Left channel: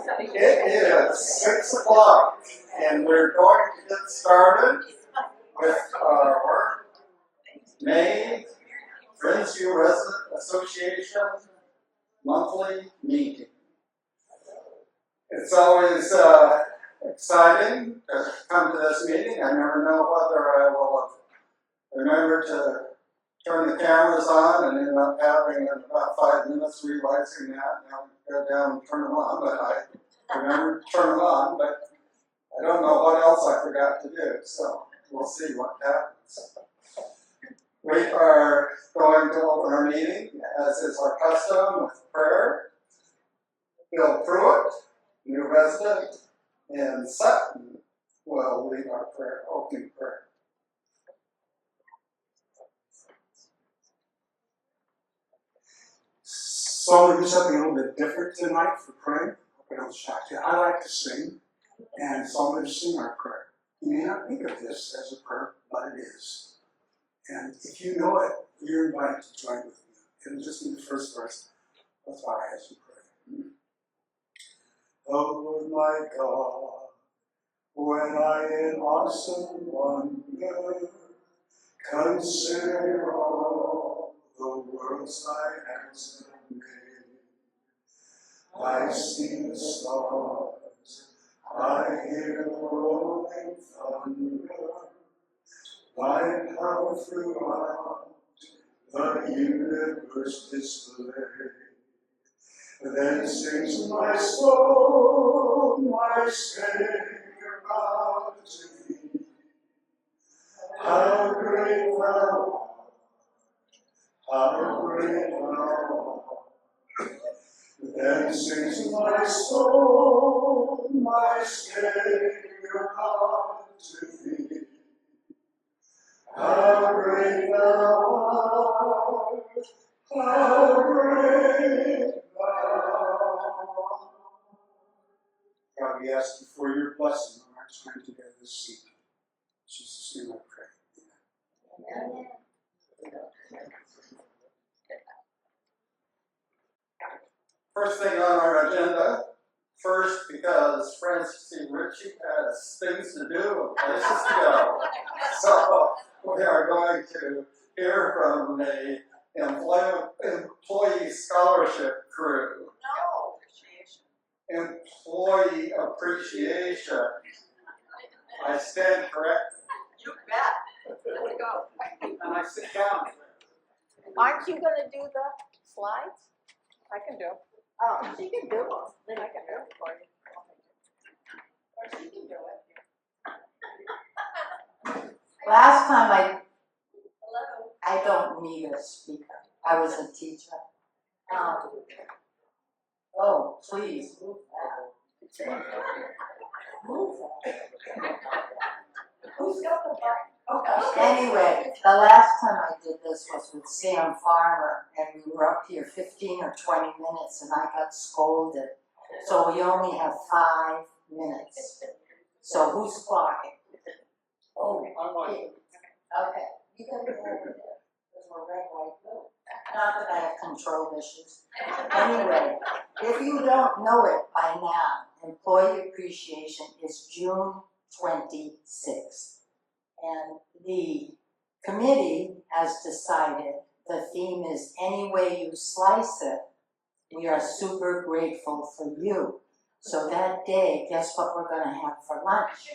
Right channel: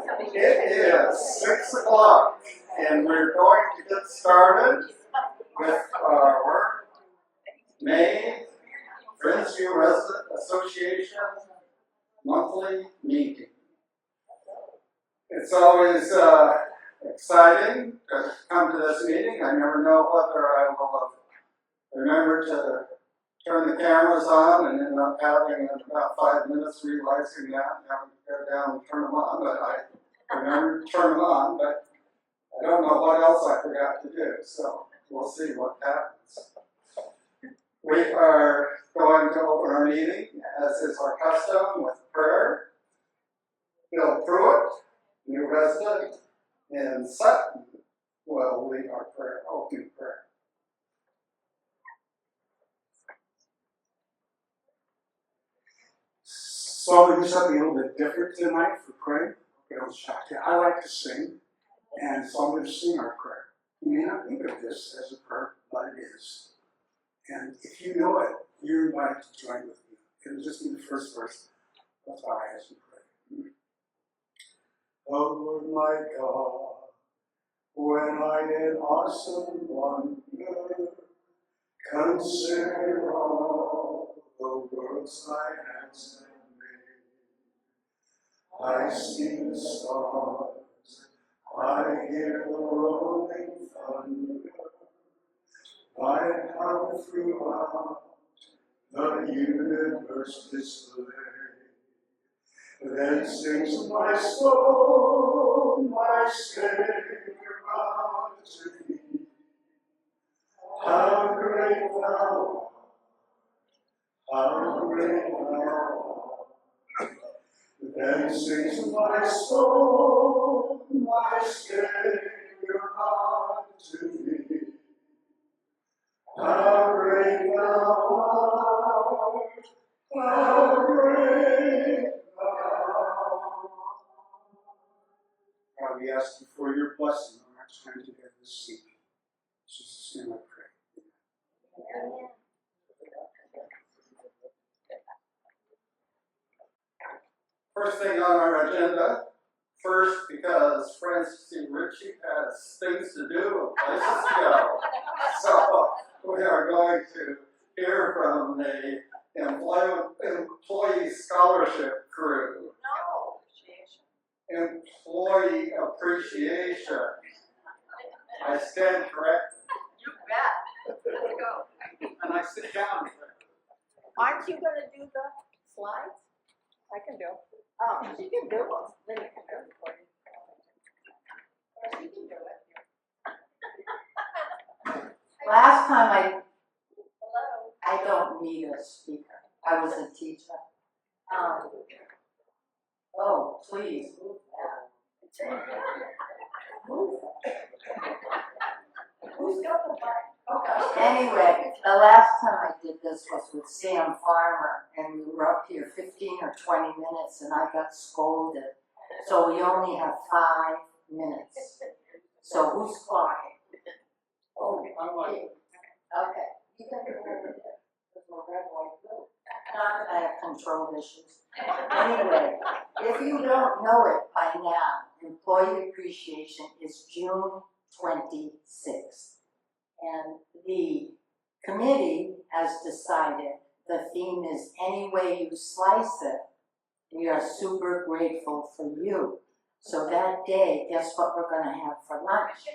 It is 6 o'clock, and we're going to get started with our May Friendsview Residents Association monthly meeting. It's always exciting to come to this meeting. I never know whether I will have remembered to turn the cameras on and end up having in about 5 minutes realizing that now we go down and turn them on, but I remember to turn them on, but I don't know what else I forgot to do, so we'll see what happens. We are going to open our meeting, as is our custom, with prayer. Bill Pruitt, new resident in Sutton, will lead our prayer, opening prayer. So I'm going to do something a little bit different tonight for praying. I don't shock you. I like to sing, and so I'm going to sing our prayer. You may not think of this as a prayer, but it is. And if you know it, you're invited to join with me. It'll just be the first verse. Let's bow our heads and pray. Oh Lord my God, when I in awesome wonder consider all the worlds thy hands have made, I see the stars, I hear the rolling thunder, thy power throughout the universe displayed. Then sings my soul, my Savior God to thee. How great thou art, how great thou art. Then sings my soul, my Savior God to thee. How great thou art, how great thou art. God, we ask you for your blessing on our time together this evening. In Jesus' name I pray. Amen. First thing on our agenda, first because Francie Ritchie has things to do and places to go. So we are going to hear from the employee scholarship crew. No. Employee appreciation. I stand corrected. You bet. Go. And I sit down. Aren't you going to do the slides? I can do them. Oh, she can do them. Then I can do it for you. Or she can do it. Last time I don't need a speaker. I was a teacher. Oh, please move that. Move that. Who's got the button? Okay. Anyway, the last time I did this was with Sam Farmer, and we were up here 15 or 20 minutes, and I got scolded. So we only have 5 minutes. So who's clocking? Oh, I'm like, Okay. You can go over there. Because we're red, white, blue. Not that I have control issues. Anyway, if you don't know it by now, Employee Appreciation is June 26th. And the committee has decided the theme is Any Way You Slice It. We are super grateful for you. So that day, guess what we're going to have for lunch?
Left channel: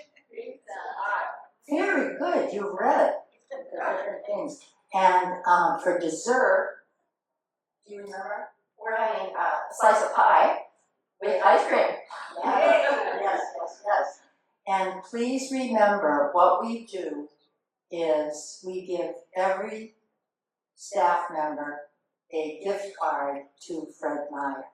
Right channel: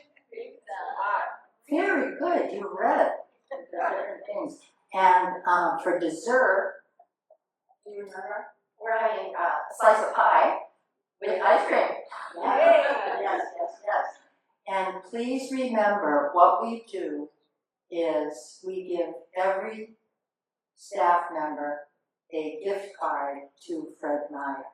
Very good, you read it. Different things. And for dessert, do you remember? We're having a slice of pie with ice cream. Yes. And please remember, what we do is we give every staff member a gift card to Fred Meyer.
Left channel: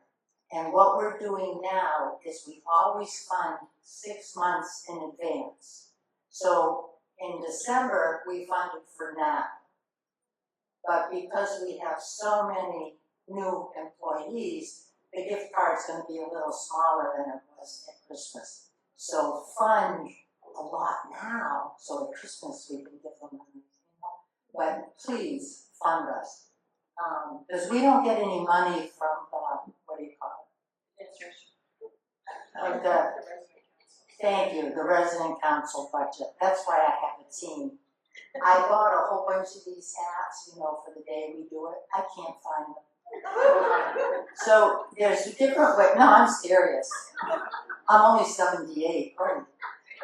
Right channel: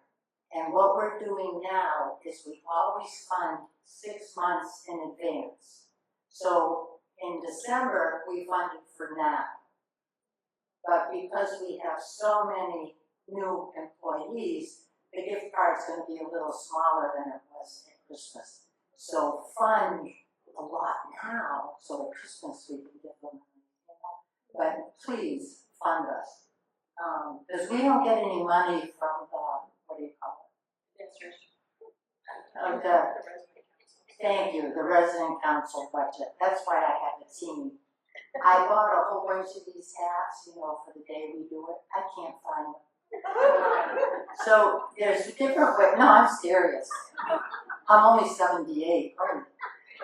And what we're doing now is we always fund 6 months in advance. So in December, we funded for now. But because we have so many new employees, the gift card's going to be a little smaller than it was at Christmas. So fund a lot now, so at Christmas we can give them money. But please fund us. Because we don't get any money from the, what do you call it? Thank you, the resident council budget, that's why I have a team. I bought a whole bunch of these hats, you know, for the day we do it, I can't find them. So there's different ways, no, I'm serious. I'm only 78, right?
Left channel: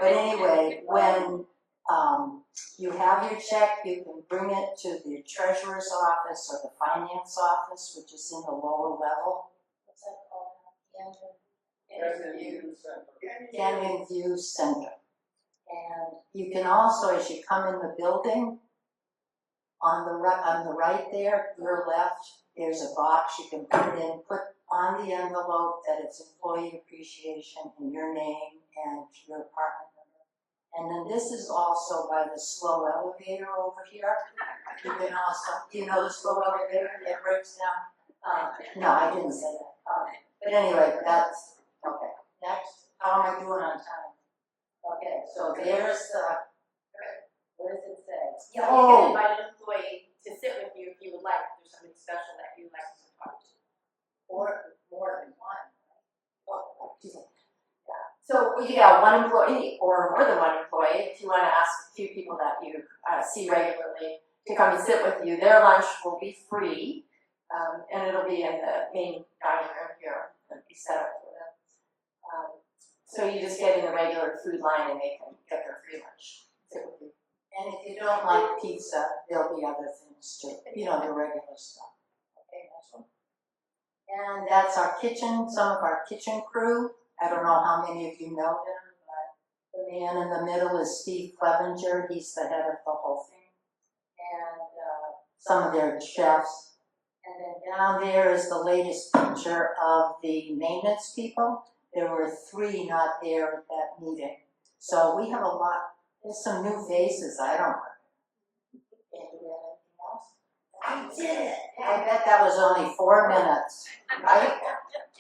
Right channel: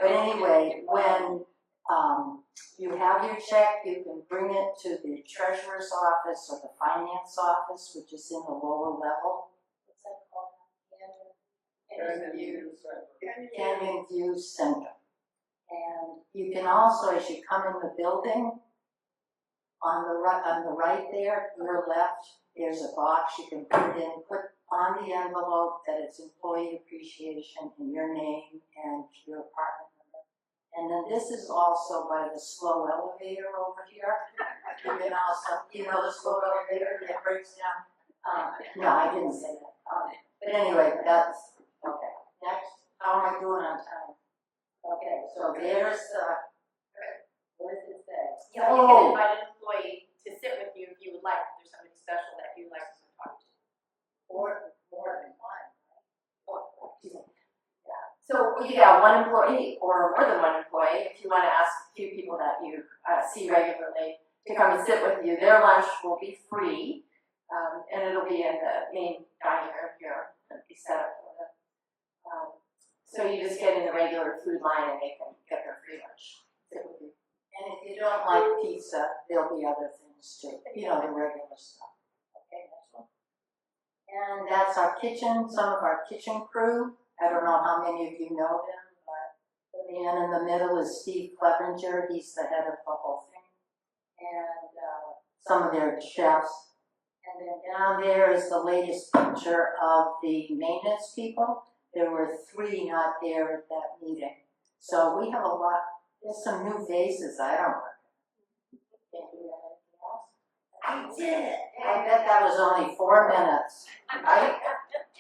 But anyway, when you have your check, you can bring it to the treasurer's office or the finance office, which is in the lower level. What's that called? Canyon View Center. And you can also, as you come in the building, on the right there, your left, there's a box you can put in, put on the envelope that it's employee appreciation and your name and your apartment number. And then this is also by the slow elevator over here. You can also, you know the slow elevator that breaks down? No, I didn't say that. But anyway, that's, okay. Next, how am I doing on time? Okay, so there's what does it say? Yeah, you can invite an employee to sit with you if you would like, if there's somebody special that you'd like to talk to. Or more than one. So you got one employee or more than one employee, if you want to ask a few people that you see regularly to come and sit with you, their lunch will be free, and it'll be in the main dining room here, it'll be set up for them. So you just get in the regular food line and they can get their free lunch, sit with you. And if you don't like pizza, there'll be other things too, you know, the regular stuff. Okay, next one. And that's our kitchen, some of our kitchen crew. I don't know how many of you know him, but the man in the middle is Steve Clevenger. He's the head of the whole thing. And some of their chefs. And then down there is the latest picture of the maintenance people. There were 3 not there at that meeting. So we have a lot, there's some new faces, I don't know. Can't do anything else? I did it! I bet that was only 4 minutes, right?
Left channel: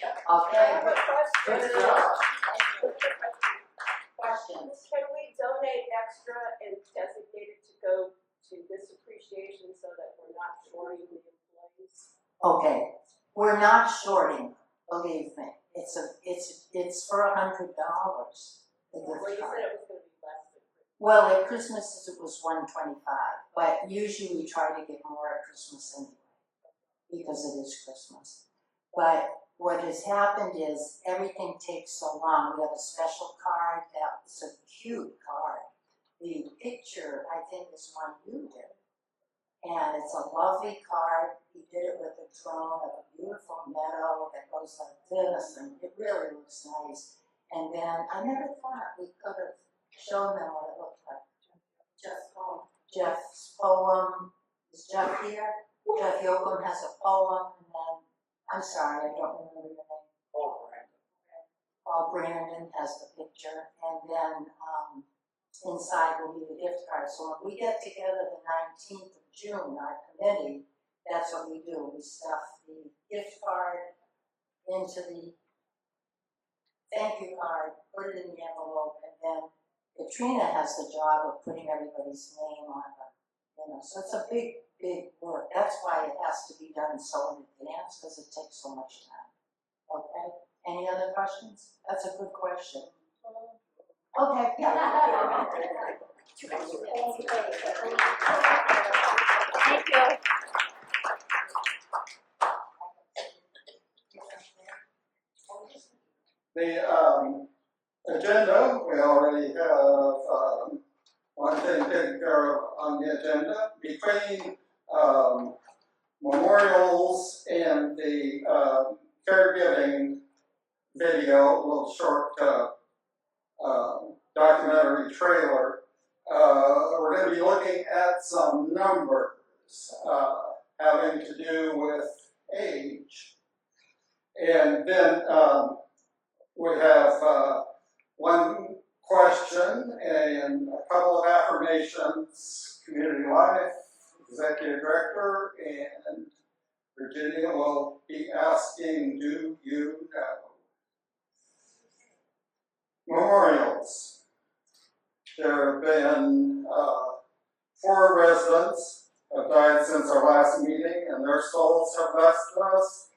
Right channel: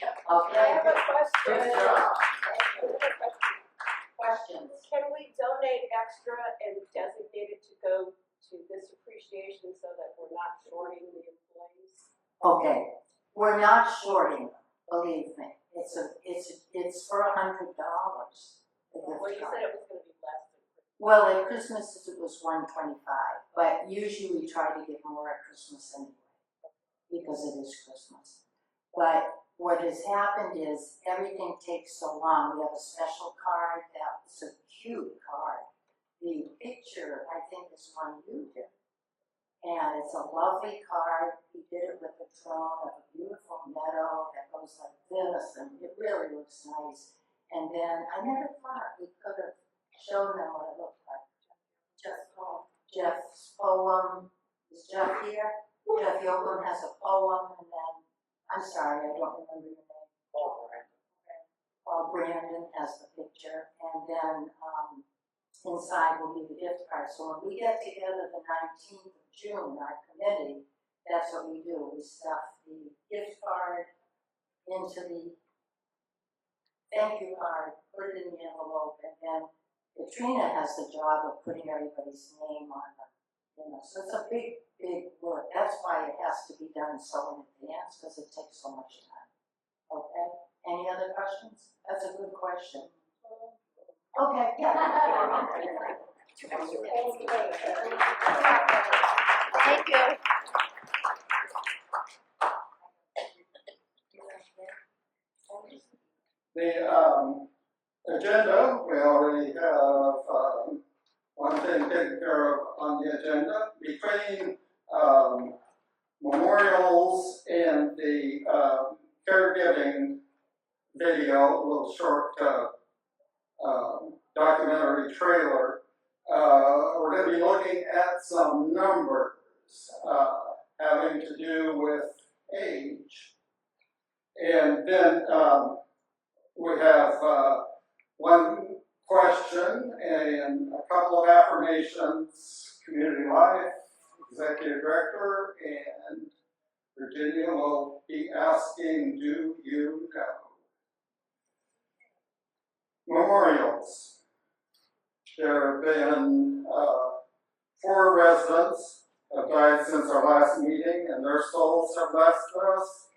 Okay. Good job. Questions? Can we donate extra and designate it to go to this appreciation so that we're not shorting the employees? Okay, we're not shorting, believe me. It's for $100. The gift Well, you card. said it was gonna be less than. Well, at Christmas it was $125, but usually we try to give more at Christmas anyway, because it is Christmas. But what has happened is everything takes so long. We have a special card that's a cute card. The picture, I think, is one you did. And it's a lovely card. He did it with a drone of a beautiful meadow that goes like this, and it really looks nice. And then I never thought we could have shown them what it looked like. Jeff's poem. Is Jeff here? Jeff Yoakum has a poem, and then, I'm sorry, I don't remember your name. Paul Brandon has the picture, and then inside will be the gift card. So when we get together the 19th of June, our committee, that's what we do. We stuff the gift card into the thank you card, put it in the envelope, and then Katrina has the job of putting everybody's name on it. You know, so it's a big, big work. That's why it has to be done so in advance, because it takes so much time. Okay? Any other questions? That's a good question. Okay, yeah. Thank you. The agenda, we already have one thing taken care of on the agenda. Between memorials and the caregiving video, a little short documentary trailer, we're going to be looking at some numbers having to do with age. And then we have one question and a couple of affirmations, community life, executive director, and Virginia will be asking, do you know? Memorials. There have been 4 residents have died since our last meeting, and their souls have left us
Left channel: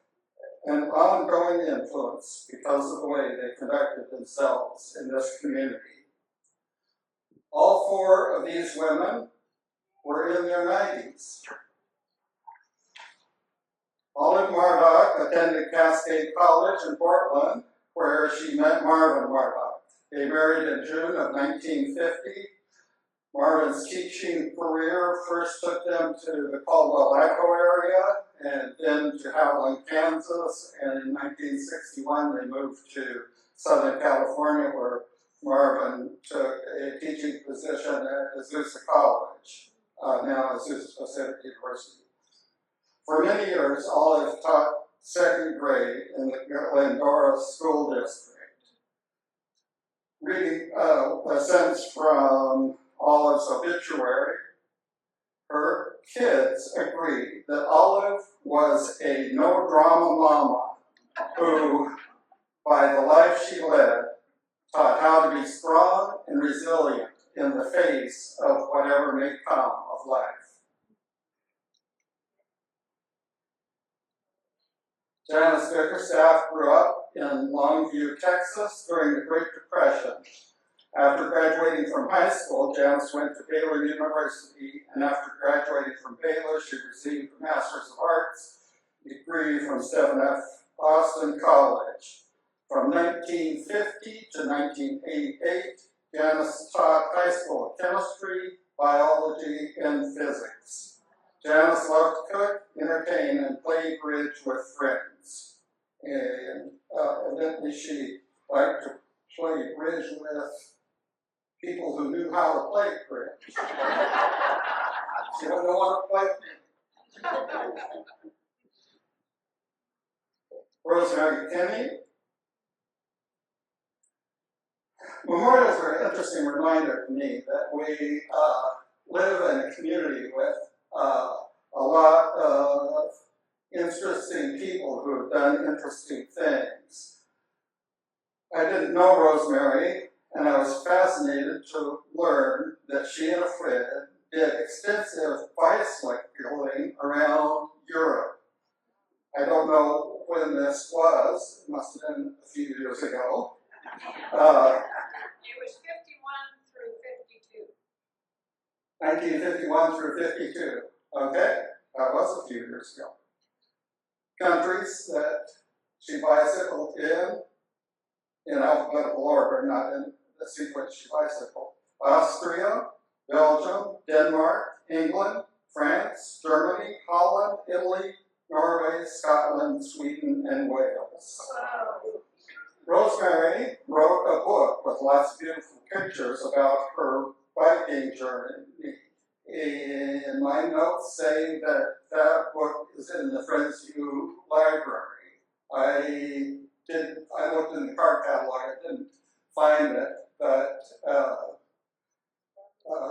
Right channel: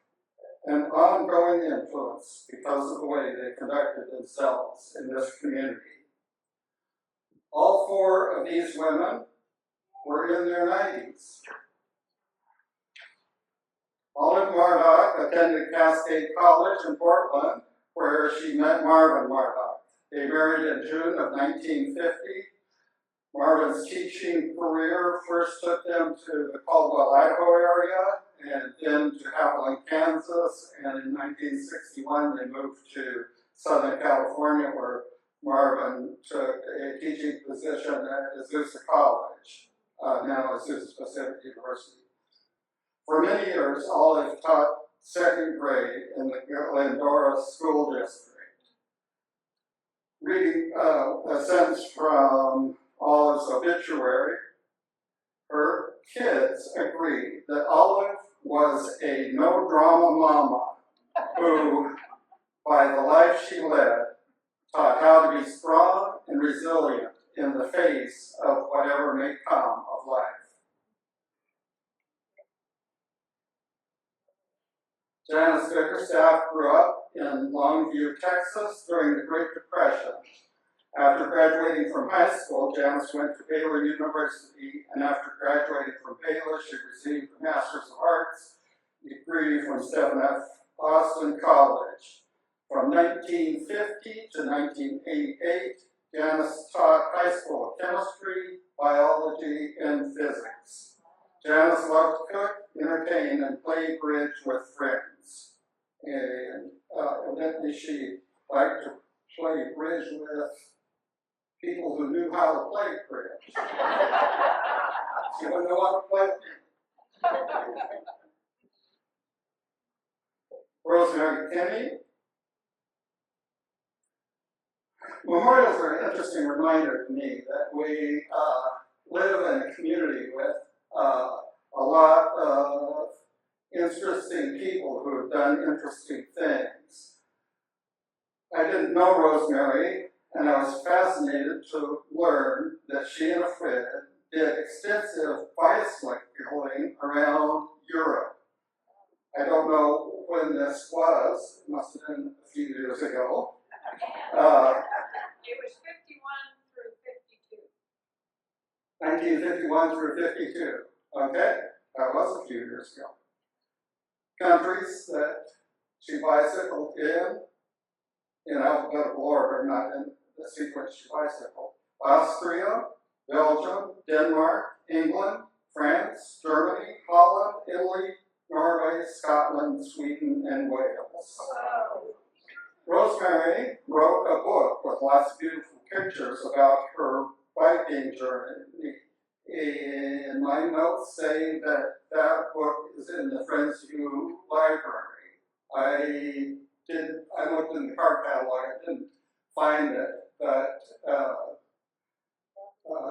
an ongoing influence because of the way they conducted themselves in this community. All 4 of these women were in their 90s. Olive Mardock attended Cascade College in Portland, where she met Marvin Mardock. They married in June of 1950. Marvin's teaching career first took them to the Caldwell, Idaho area, and then to Howland, Kansas, and in 1961 they moved to Southern California, where Marvin took a teaching position at Azusa College, now Azusa Pacific University. For many years, Olive taught 2nd grade in the Glendora School District. Reading a sentence from Olive's obituary, her kids agreed that Olive was a no-drama mama who, by the life she led, taught how to be strong and resilient in the face of whatever may come of life. Janice Biggerstaff grew up in Longview, Texas during the Great Depression. After graduating from high school, Janice went to Baylor University, and after graduating from Baylor, she received a Master's of Arts degree from Stephen F. Austin College. From 1950 to 1988, Janice taught high school chemistry, biology, and physics. Janice loved to cook, entertain, and play bridge with friends. And evidently she liked to play bridge with people who knew how to play bridge. She wouldn't know how to play with me. Rosemary Kenney. Memorials are an interesting reminder to me that we live in a community with a lot of interesting people who have done interesting things. I didn't know Rosemary, and I was fascinated to learn that she and a friend did extensive bicycling around Europe. I don't know when this was. It must have been a few years ago. It was 1951 through 52. Okay, that was a few years ago. Countries that she bicycled in alphabetical order, not in the sequence she bicycled. Austria, Belgium, Denmark, England, France, Germany, Holland, Italy, Norway, Scotland, Sweden, and Wales. Rosemary wrote a book with lots of beautiful pictures about her biking journey. And my notes say that that book is in the Friendsview library. I looked in the card catalog, I didn't find it, but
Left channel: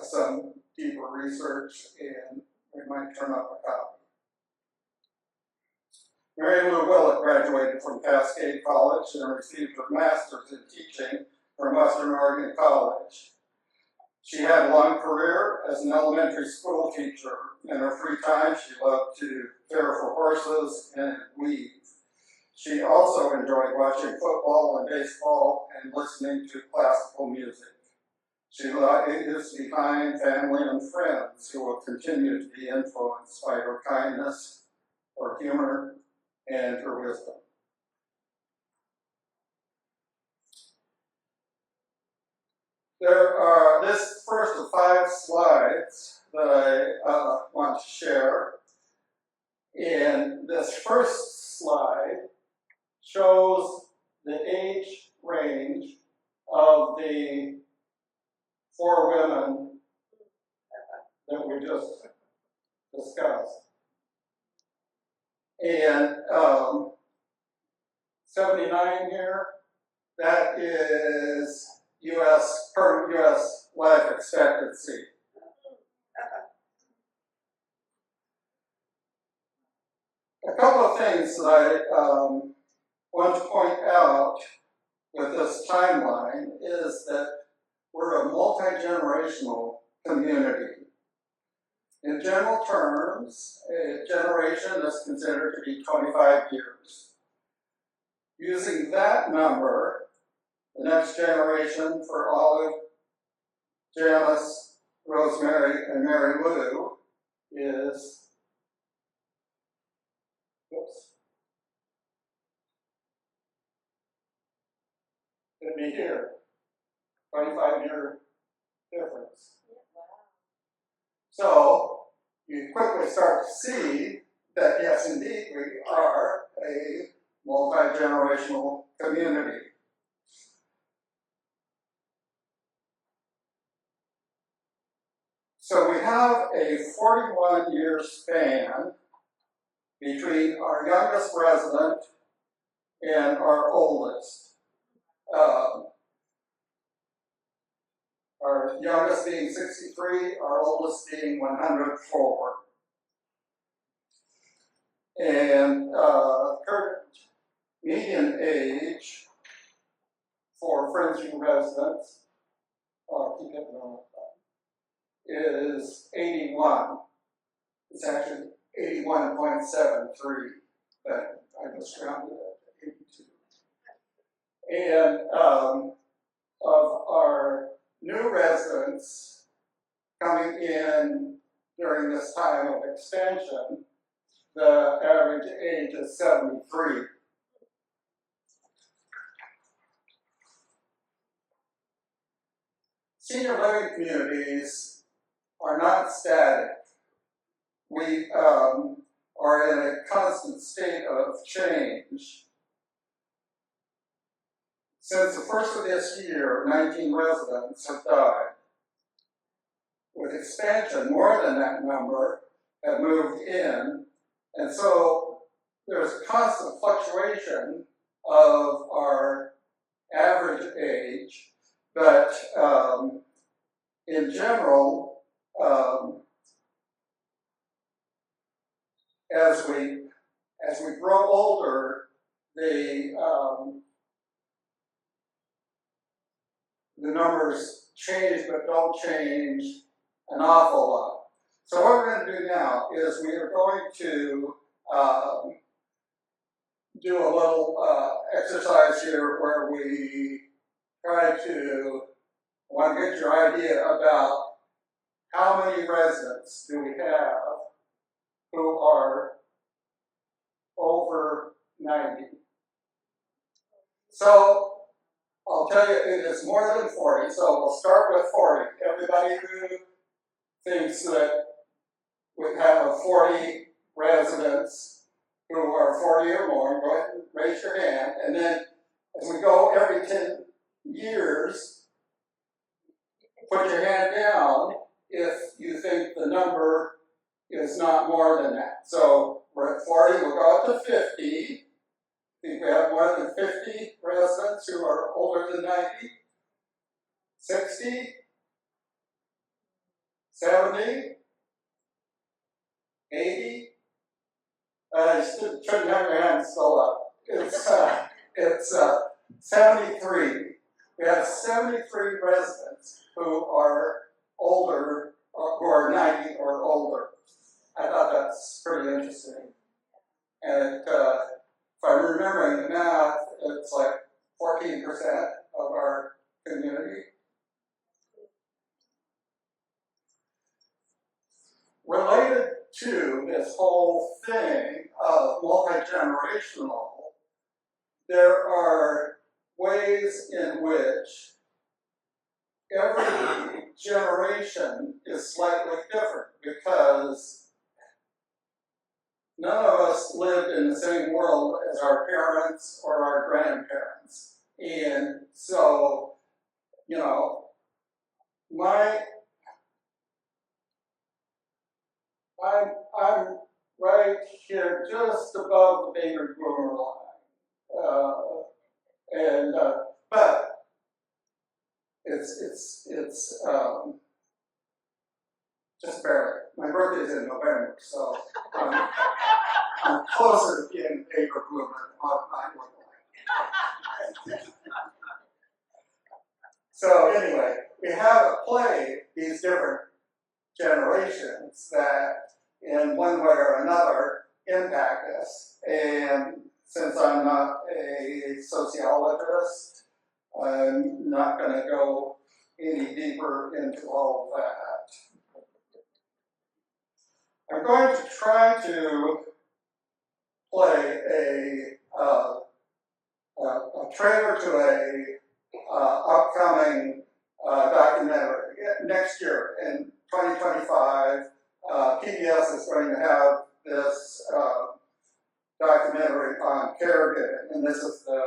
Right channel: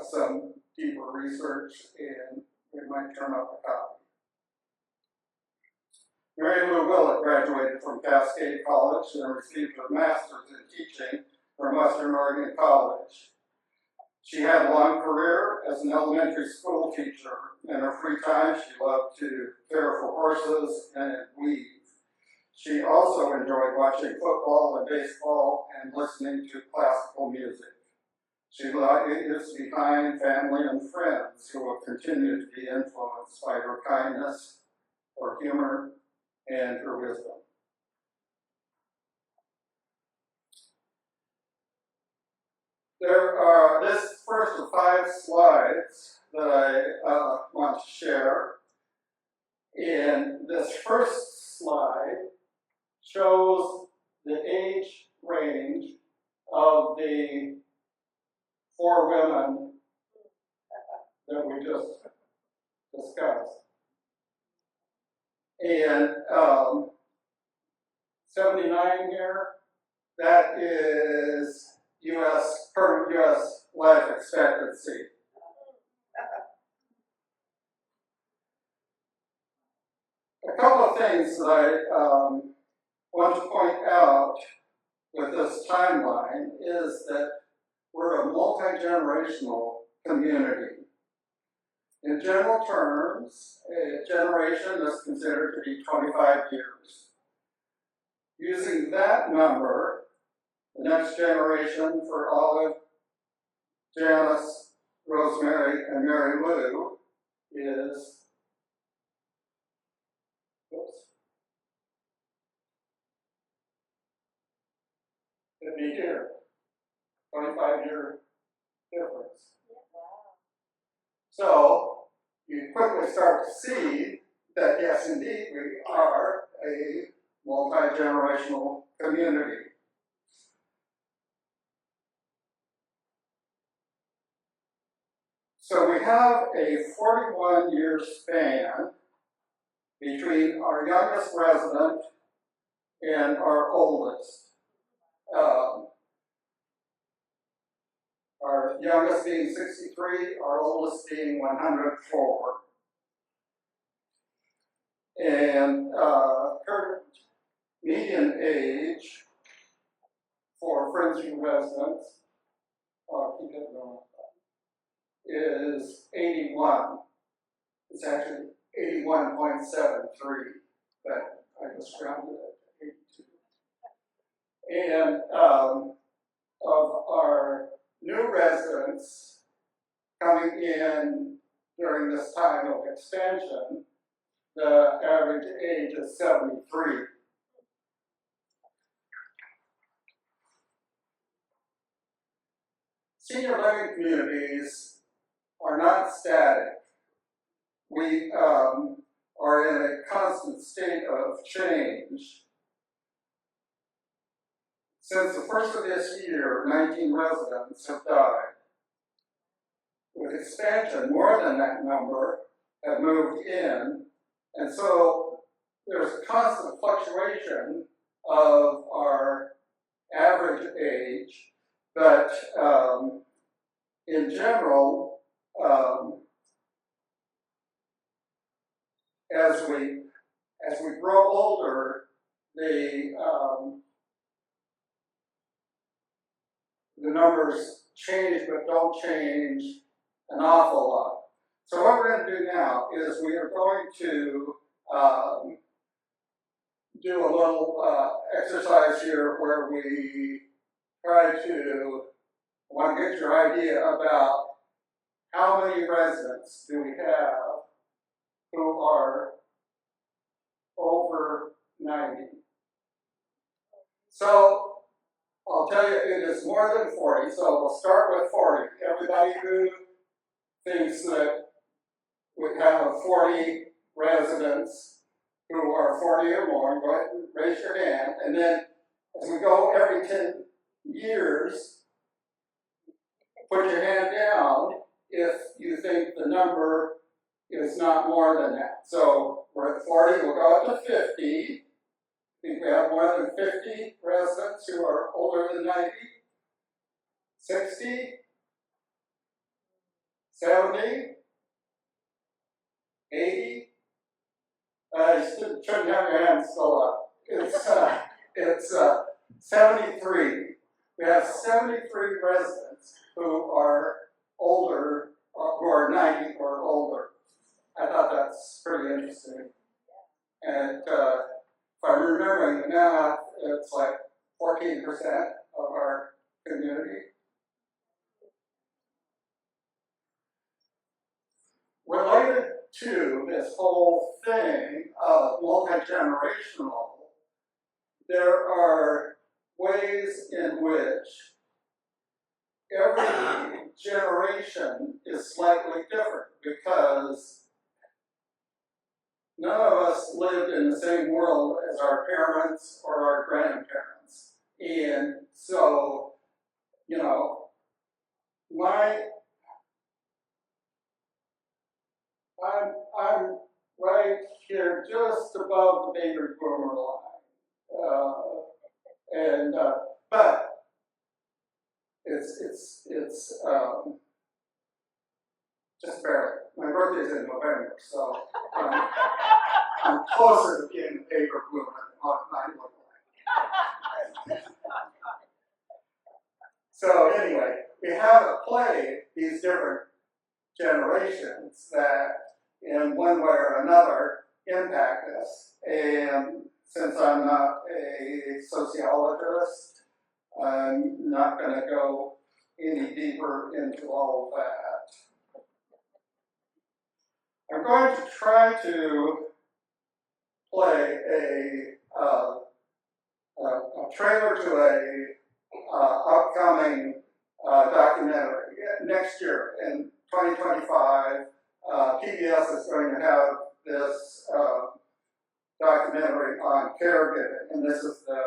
some deeper research and we might turn up a copy. Mary Lou Willett graduated from Cascade College and received her master's in teaching from Western Oregon College. She had a long career as an elementary school teacher. In her free time, she loved to care for horses and weave. She also enjoyed watching football and baseball and listening to classical music. She leaves behind family and friends who will continue to be influenced by her kindness, her humor, and her wisdom. This first of 5 slides that I want to share. And this first slide shows the age range of the 4 women that we just discussed. And 79 here, that is current US life expectancy. A couple of things that I want to point out with this timeline is that we're a multi-generational community. In general terms, a generation is considered to be 25 years. Using that number, the next generation for Olive, Janice, Rosemary, and Mary Lou is, oops. It'd be here, 25-year difference. So you quickly start to see that yes, indeed, we are a multi-generational community. So we have a 41-year span between our youngest resident and our oldest. Our youngest being 63, our oldest being 104. And current median age for Friendsview residents, I'll keep it going, is 81. It's actually 81.73, but I just rounded it to 82. And of our new residents coming in during this time of expansion, the average age is 73. Senior living communities are not static. We are in a constant state of change. Since the first of this year, 19 residents have died. With expansion, more than that number have moved in, and so there's a constant fluctuation of our average age, but in general, as we grow older, the numbers change, but don't change an awful lot. So what we're going to do now is we are going to do a little exercise here where we try to, I want to get your idea about how many residents do we have who are over 90. So I'll tell you, it is more than 40, so we'll start with 40. Everybody who thinks that we have 40 residents who are 40 or more, go ahead and raise your hand, and then as we go every 10 years, put your hand down if you think the number is not more than that. So we're at 40, we'll go up to 50. I think we have more than 50 residents who are older than 90. 60, 70, 80. You shouldn't have your hands still up. It's 73. We have 73 residents who are older, who are 90 or older. I thought that's pretty interesting. And if I'm remembering the math, it's like 14% of our community. Related to this whole thing of multi-generational, there are ways in which every generation is slightly different because none of us lived in the same world as our parents or our grandparents. And so, you know, I'm right here just above the baby boomer line. But it's just barely. My birthday is in November, so I'm closer to being a baby boomer than what I look like. So anyway, we have at play these different generations that in one way or another impact us. And since I'm not a sociologist, I'm not going to go any deeper into all of that. I'm going to try to play a trailer to a upcoming documentary. Next year, in 2025, PBS is going to have this documentary on caregiving, and this is the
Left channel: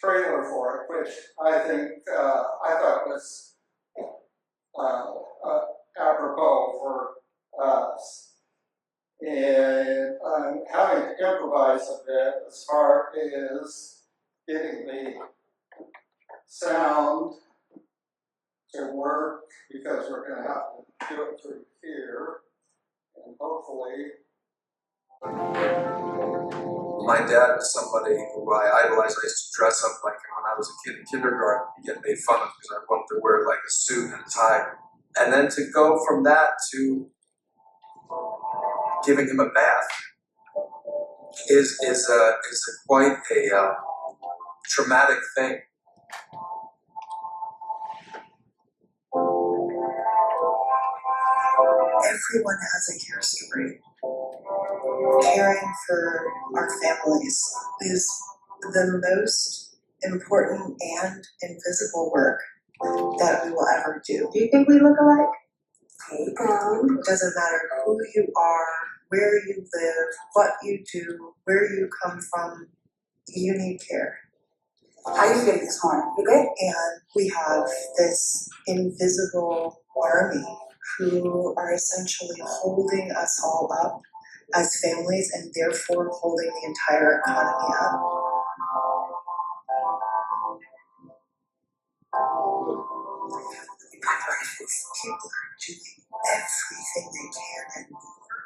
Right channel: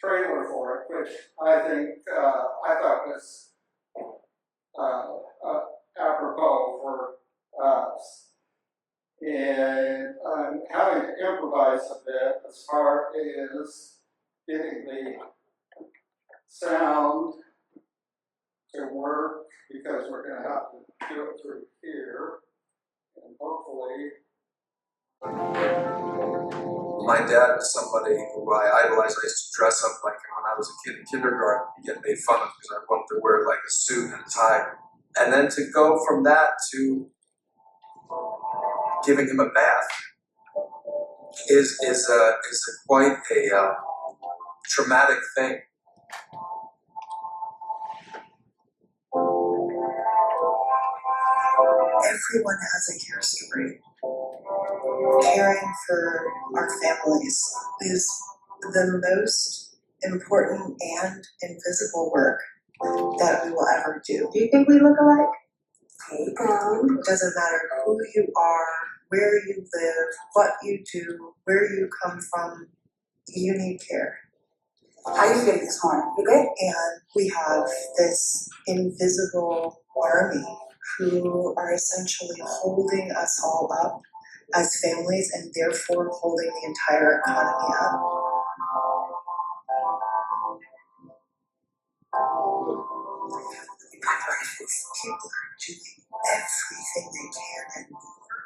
trailer for it, which I think I thought was apropos for us. And I'm having to improvise a bit as far as getting the sound to work, because we're going to have to do it through here, and hopefully. My dad was somebody who I idolized. I used to dress up like him when I was a kid in kindergarten and get made fun of because I wanted to wear like a suit and a tie. And then to go from that to giving him a bath is quite a traumatic thing. Everyone has a care story. Caring for our families is the most important and invisible work that we will ever do. Do you think we look alike? It doesn't matter who you are, where you live, what you do, where you come from, you need care. How are you feeling this morning? You good? And we have this invisible army who are essentially holding us all up as families and therefore holding the entire economy up. People are doing everything they can and more,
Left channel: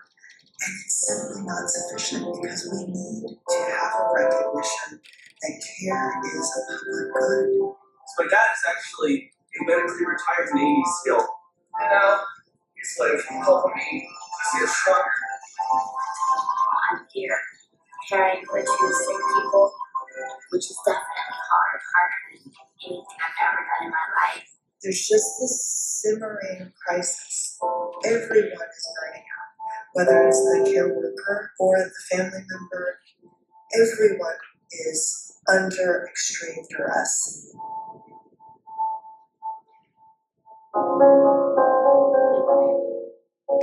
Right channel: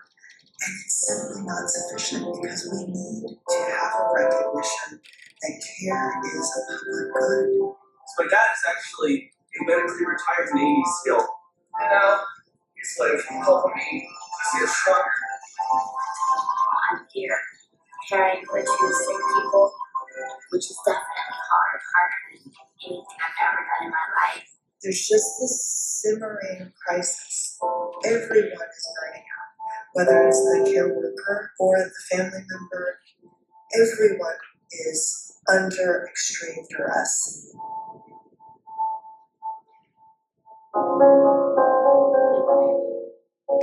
and it's simply not sufficient because we need to have a recognition that care is a public good. So my dad is actually a medically retired Navy SEAL. You know, he's like helping me to get stronger. I'm here, caring for two sick people, which is definitely harder than anything I've ever done in my life. There's just this simmering crisis. Everyone is burning out, whether it's the care worker or the family member. Everyone is under extreme duress.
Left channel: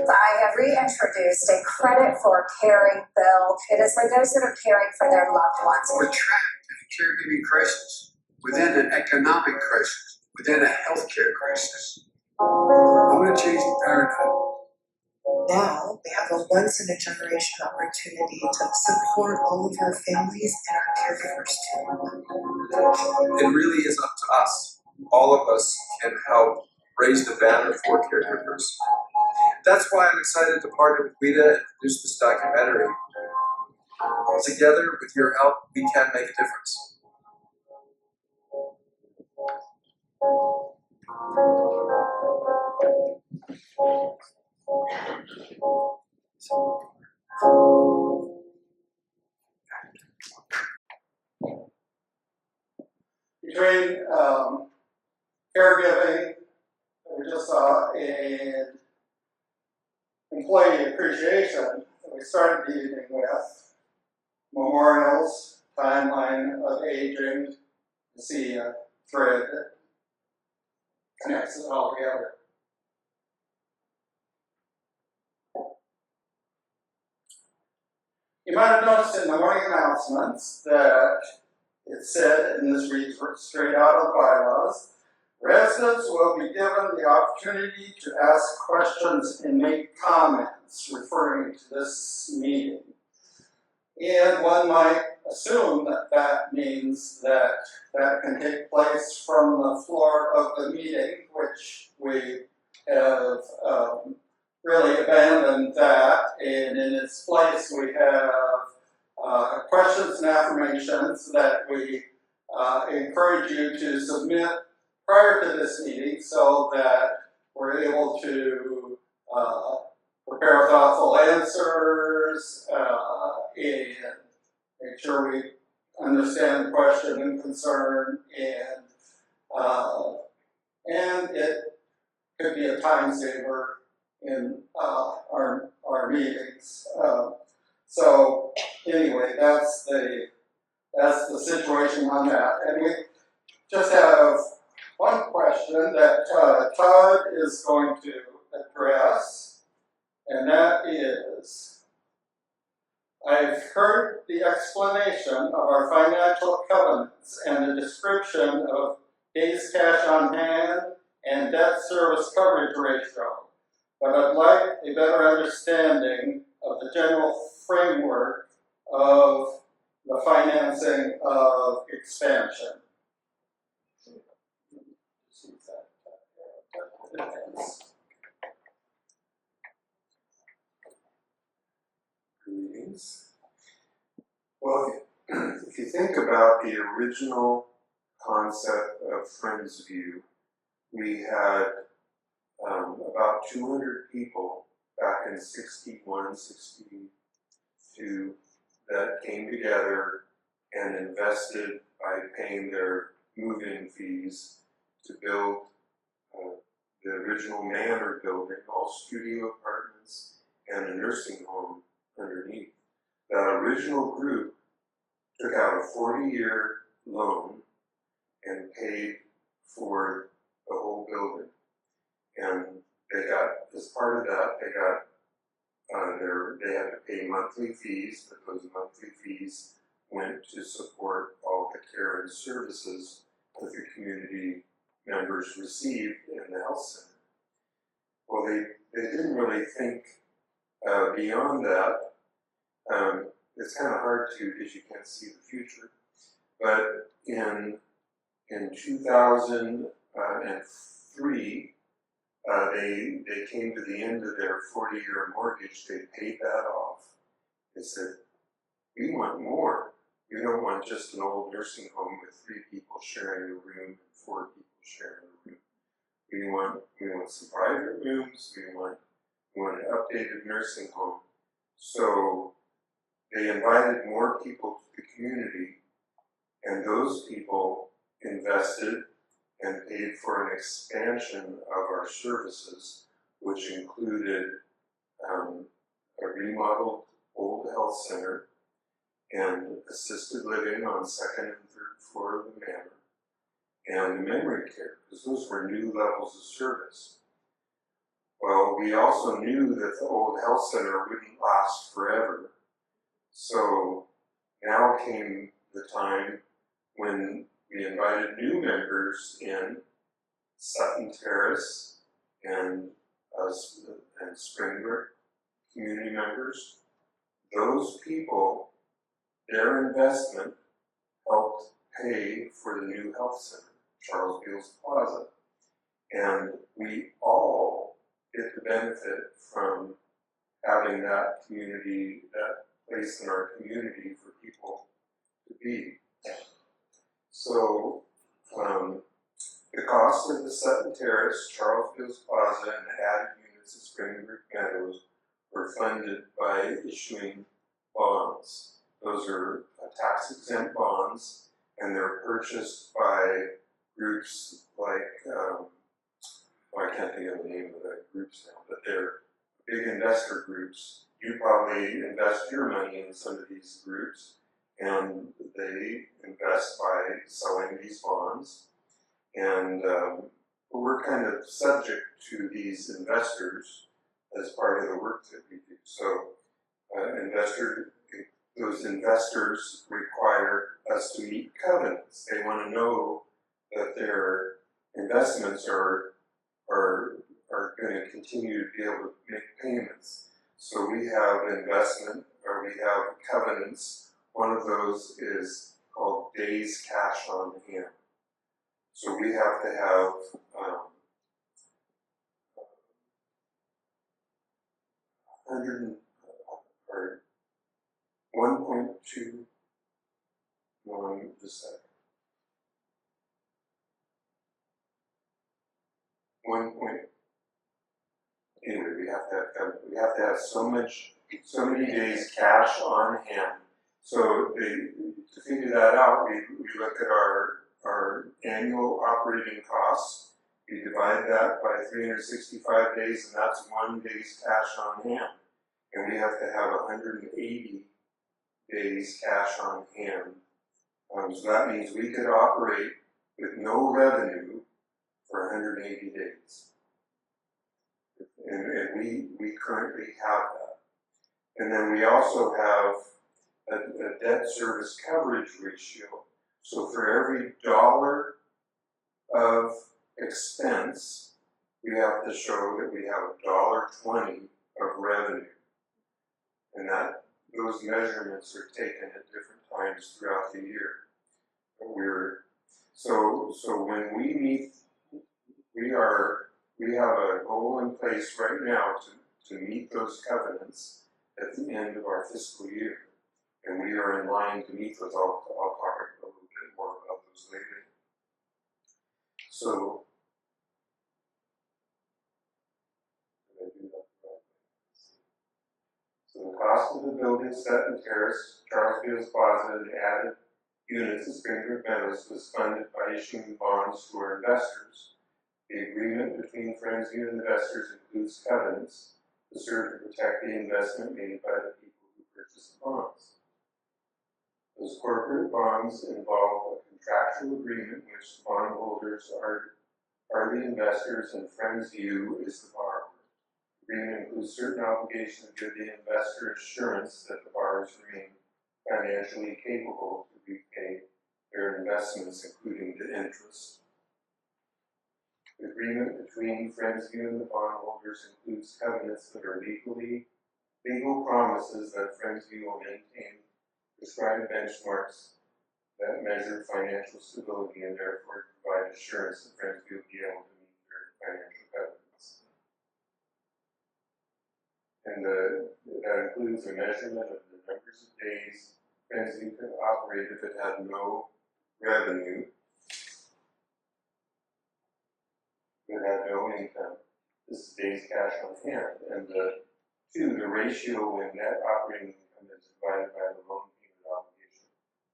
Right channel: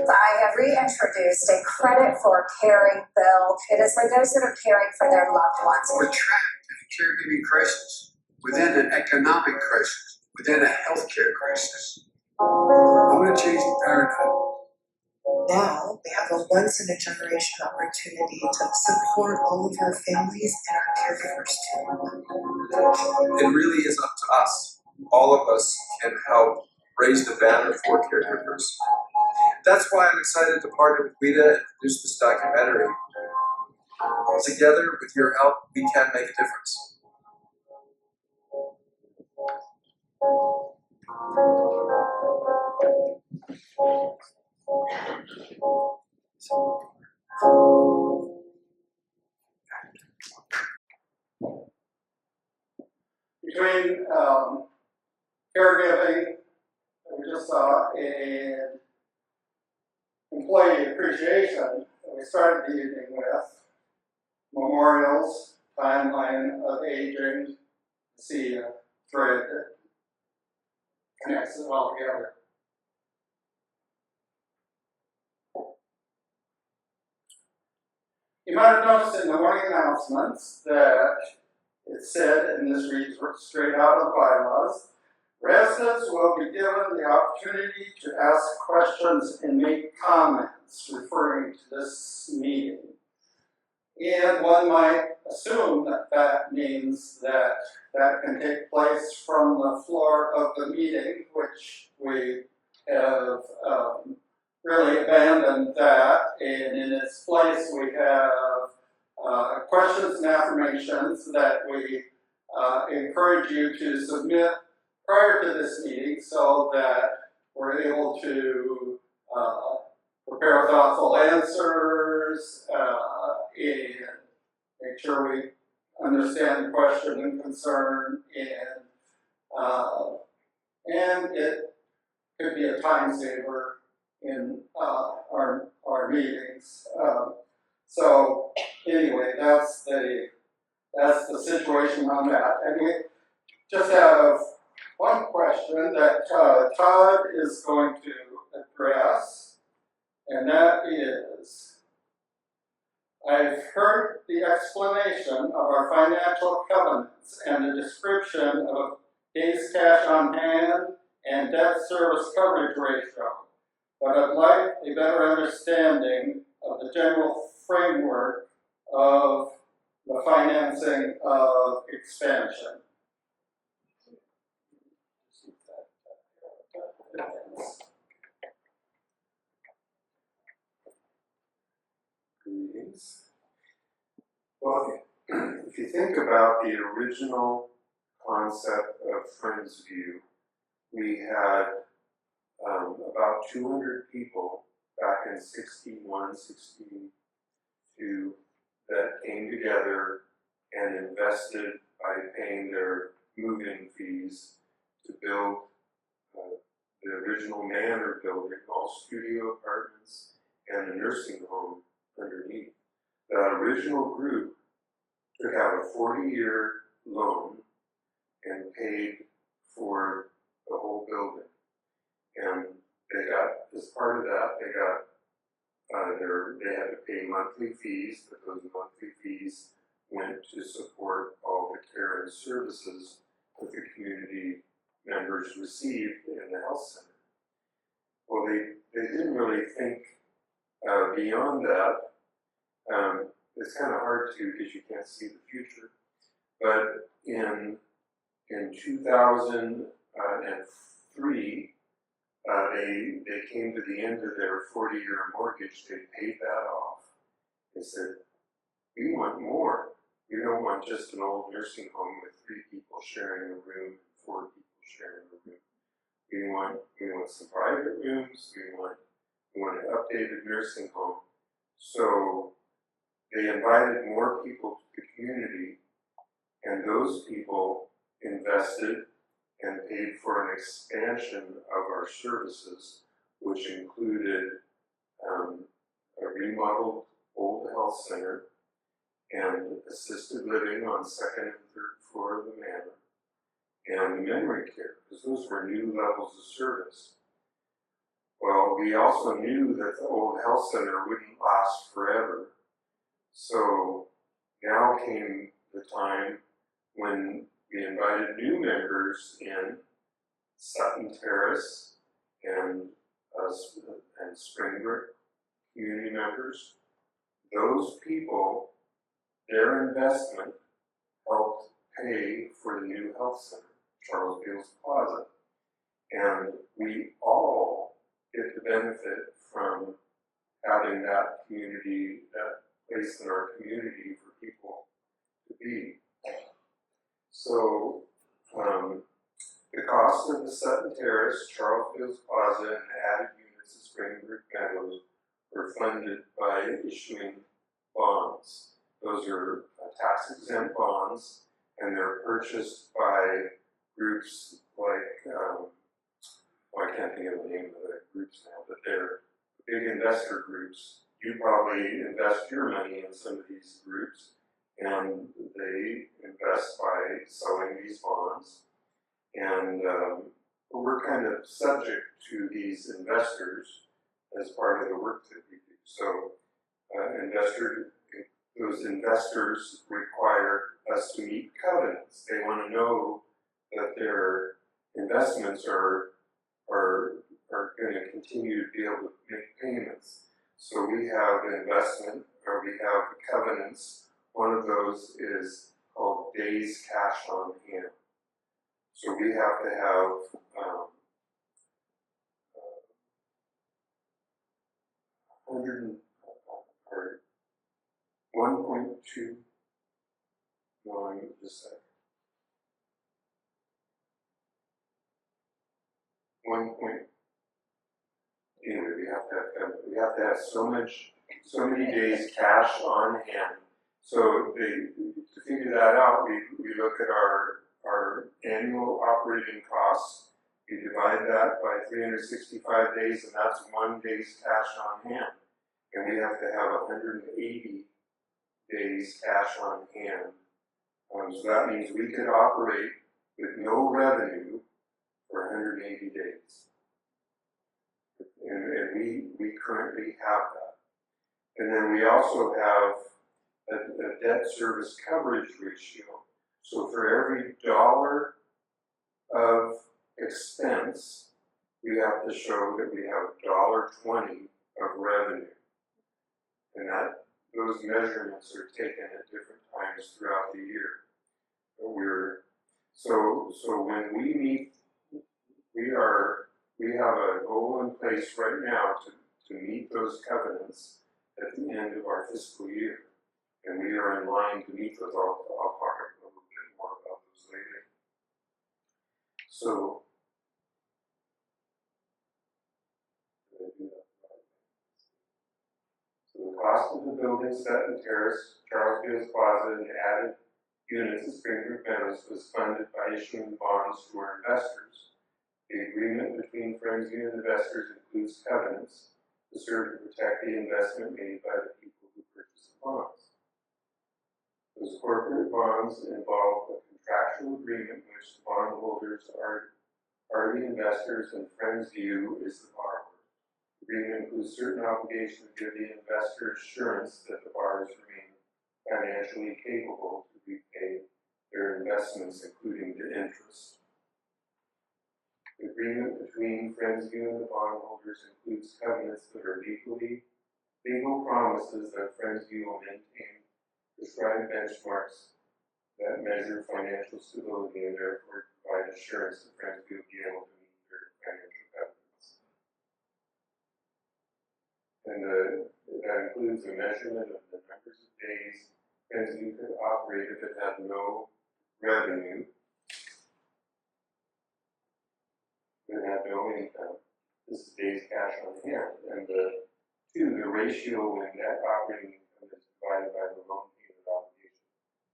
I have reintroduced a credit for caring bill. It is for those that are caring for their loved ones. We're trapped in a caregiving crisis, within an economic crisis, within a healthcare crisis. I want to change the paradigm. Now we have a once-in-a-generation opportunity to support all of our families and our caregivers too. It really is up to us. All of us can help raise the banner for caregivers. That's why I'm excited to partner with WIDA and produce this documentary. Together, with your help, we can make a difference. Between caregiving that we just saw and employee appreciation that we started the evening with, memorials, timeline of aging, you see a thread that connects it all together. You might have noticed in the morning announcements that it said, and this reads straight out of the bylaws, residents will be given the opportunity to ask questions and make comments referring to this meeting. And one might assume that that means that that can take place from the floor of the meeting, which we have really abandoned that, and in its place we have questions and affirmations that we encourage you to submit prior to this meeting so that we're able to prepare thoughtful answers and make sure we understand the question and concern, and it could be a time saver in our meetings. So anyway, that's the situation on that. And we just have one question that Todd is going to address, and that is, I've heard the explanation of our financial covenants and the description of days cash on hand and debt service coverage ratio, but I'd like a better understanding of the general framework of the financing of expansion. Greetings. Well, if you think about the original concept of Friendsview, we had about 200 people back in 61, 62 that came together and invested by paying their move-in fees to build the original manor building, all studio apartments and a nursing home underneath. That original group took out a 40-year loan and paid for the whole building. And they got, as part of that, they got they had to pay monthly fees, but those monthly fees went to support all the care and services that the community members received in the health center. Well, they didn't really think beyond that. It's kind of hard to, because you can't see the future. But in 2003, they came to the end of their 40-year mortgage. They paid that off. They said, we want more. We don't want just an old nursing home with 3 people sharing a room and 4 people sharing a room. We want some private rooms. We want an updated nursing home. So they invited more people to the community, and those people invested and paid for an expansion of our services, which included a remodeled old health center and assisted living on 2nd and 3rd floor of the manor, and the memory care, because those were new levels of service. Well, we also knew that the old health center wouldn't last forever. So now came the time when we invited new members in, Sutton Terrace and Springbrook community members. Those people, their investment helped pay for the new health center, Charles Beals Plaza. And we all get the benefit from having that community, that place in our community for people to be. So the cost of the Sutton Terrace, Charles Beals Plaza, and the added units at Springbrook Meadows were funded by issuing bonds. Those are tax-exempt bonds, and they're purchased by groups like, I can't think of the name of the groups now, but they're big investor groups. You probably invest your money in some of these groups, and they invest by selling these bonds. And we're kind of subject to these investors as part of the work that we do. So those investors require us to meet covenants. They want to know that their investments are going to continue to be able to make payments. So we have we have covenants. One of those is called days cash on hand. So we have to have 1.2 million, just a second. 1. Anyway, we have to have so many days cash on hand So to figure that out, we look at our annual operating costs. We divide that by 365 days, and that's 1 day's cash on hand. And we have to have 180 days cash on hand. So that means we could operate with no revenue for 180 days. And we currently have that. And then we also have a debt service coverage ratio. So for every dollar of expense, we have to show that we have $1.20 of revenue. And those measurements are taken at different times throughout the year. So when we meet, we have a goal in place right now to meet those covenants at the end of our fiscal year. And we are in line to meet those. I'll talk a little bit more about those later. So, the cost of the building set and terrace, Charles Beals Plaza, and added units at Springfield Meadows was funded by issuing bonds to our investors. The agreement between Friendsview and investors includes covenants to serve to protect the investment made by the people who purchase the bonds. Those corporate bonds involve a contractual agreement in which the bondholders are the investors and Friendsview is the borrower. The agreement includes certain obligations to give the investor assurance that the borrowers remain financially capable to repay their investments, including the interest. The agreement between Friendsview and the bondholders includes covenants that are legal promises that Friendsview will maintain prescribed benchmarks that measure financial stability and therefore provide assurance that Friendsview will be able to meet their financial covenants. And that includes a measurement of the numbers of days Friendsview could operate if it had no revenue, if it had no income. This is days cash on hand. And the ratio when net operating income is divided by the loan payment obligation,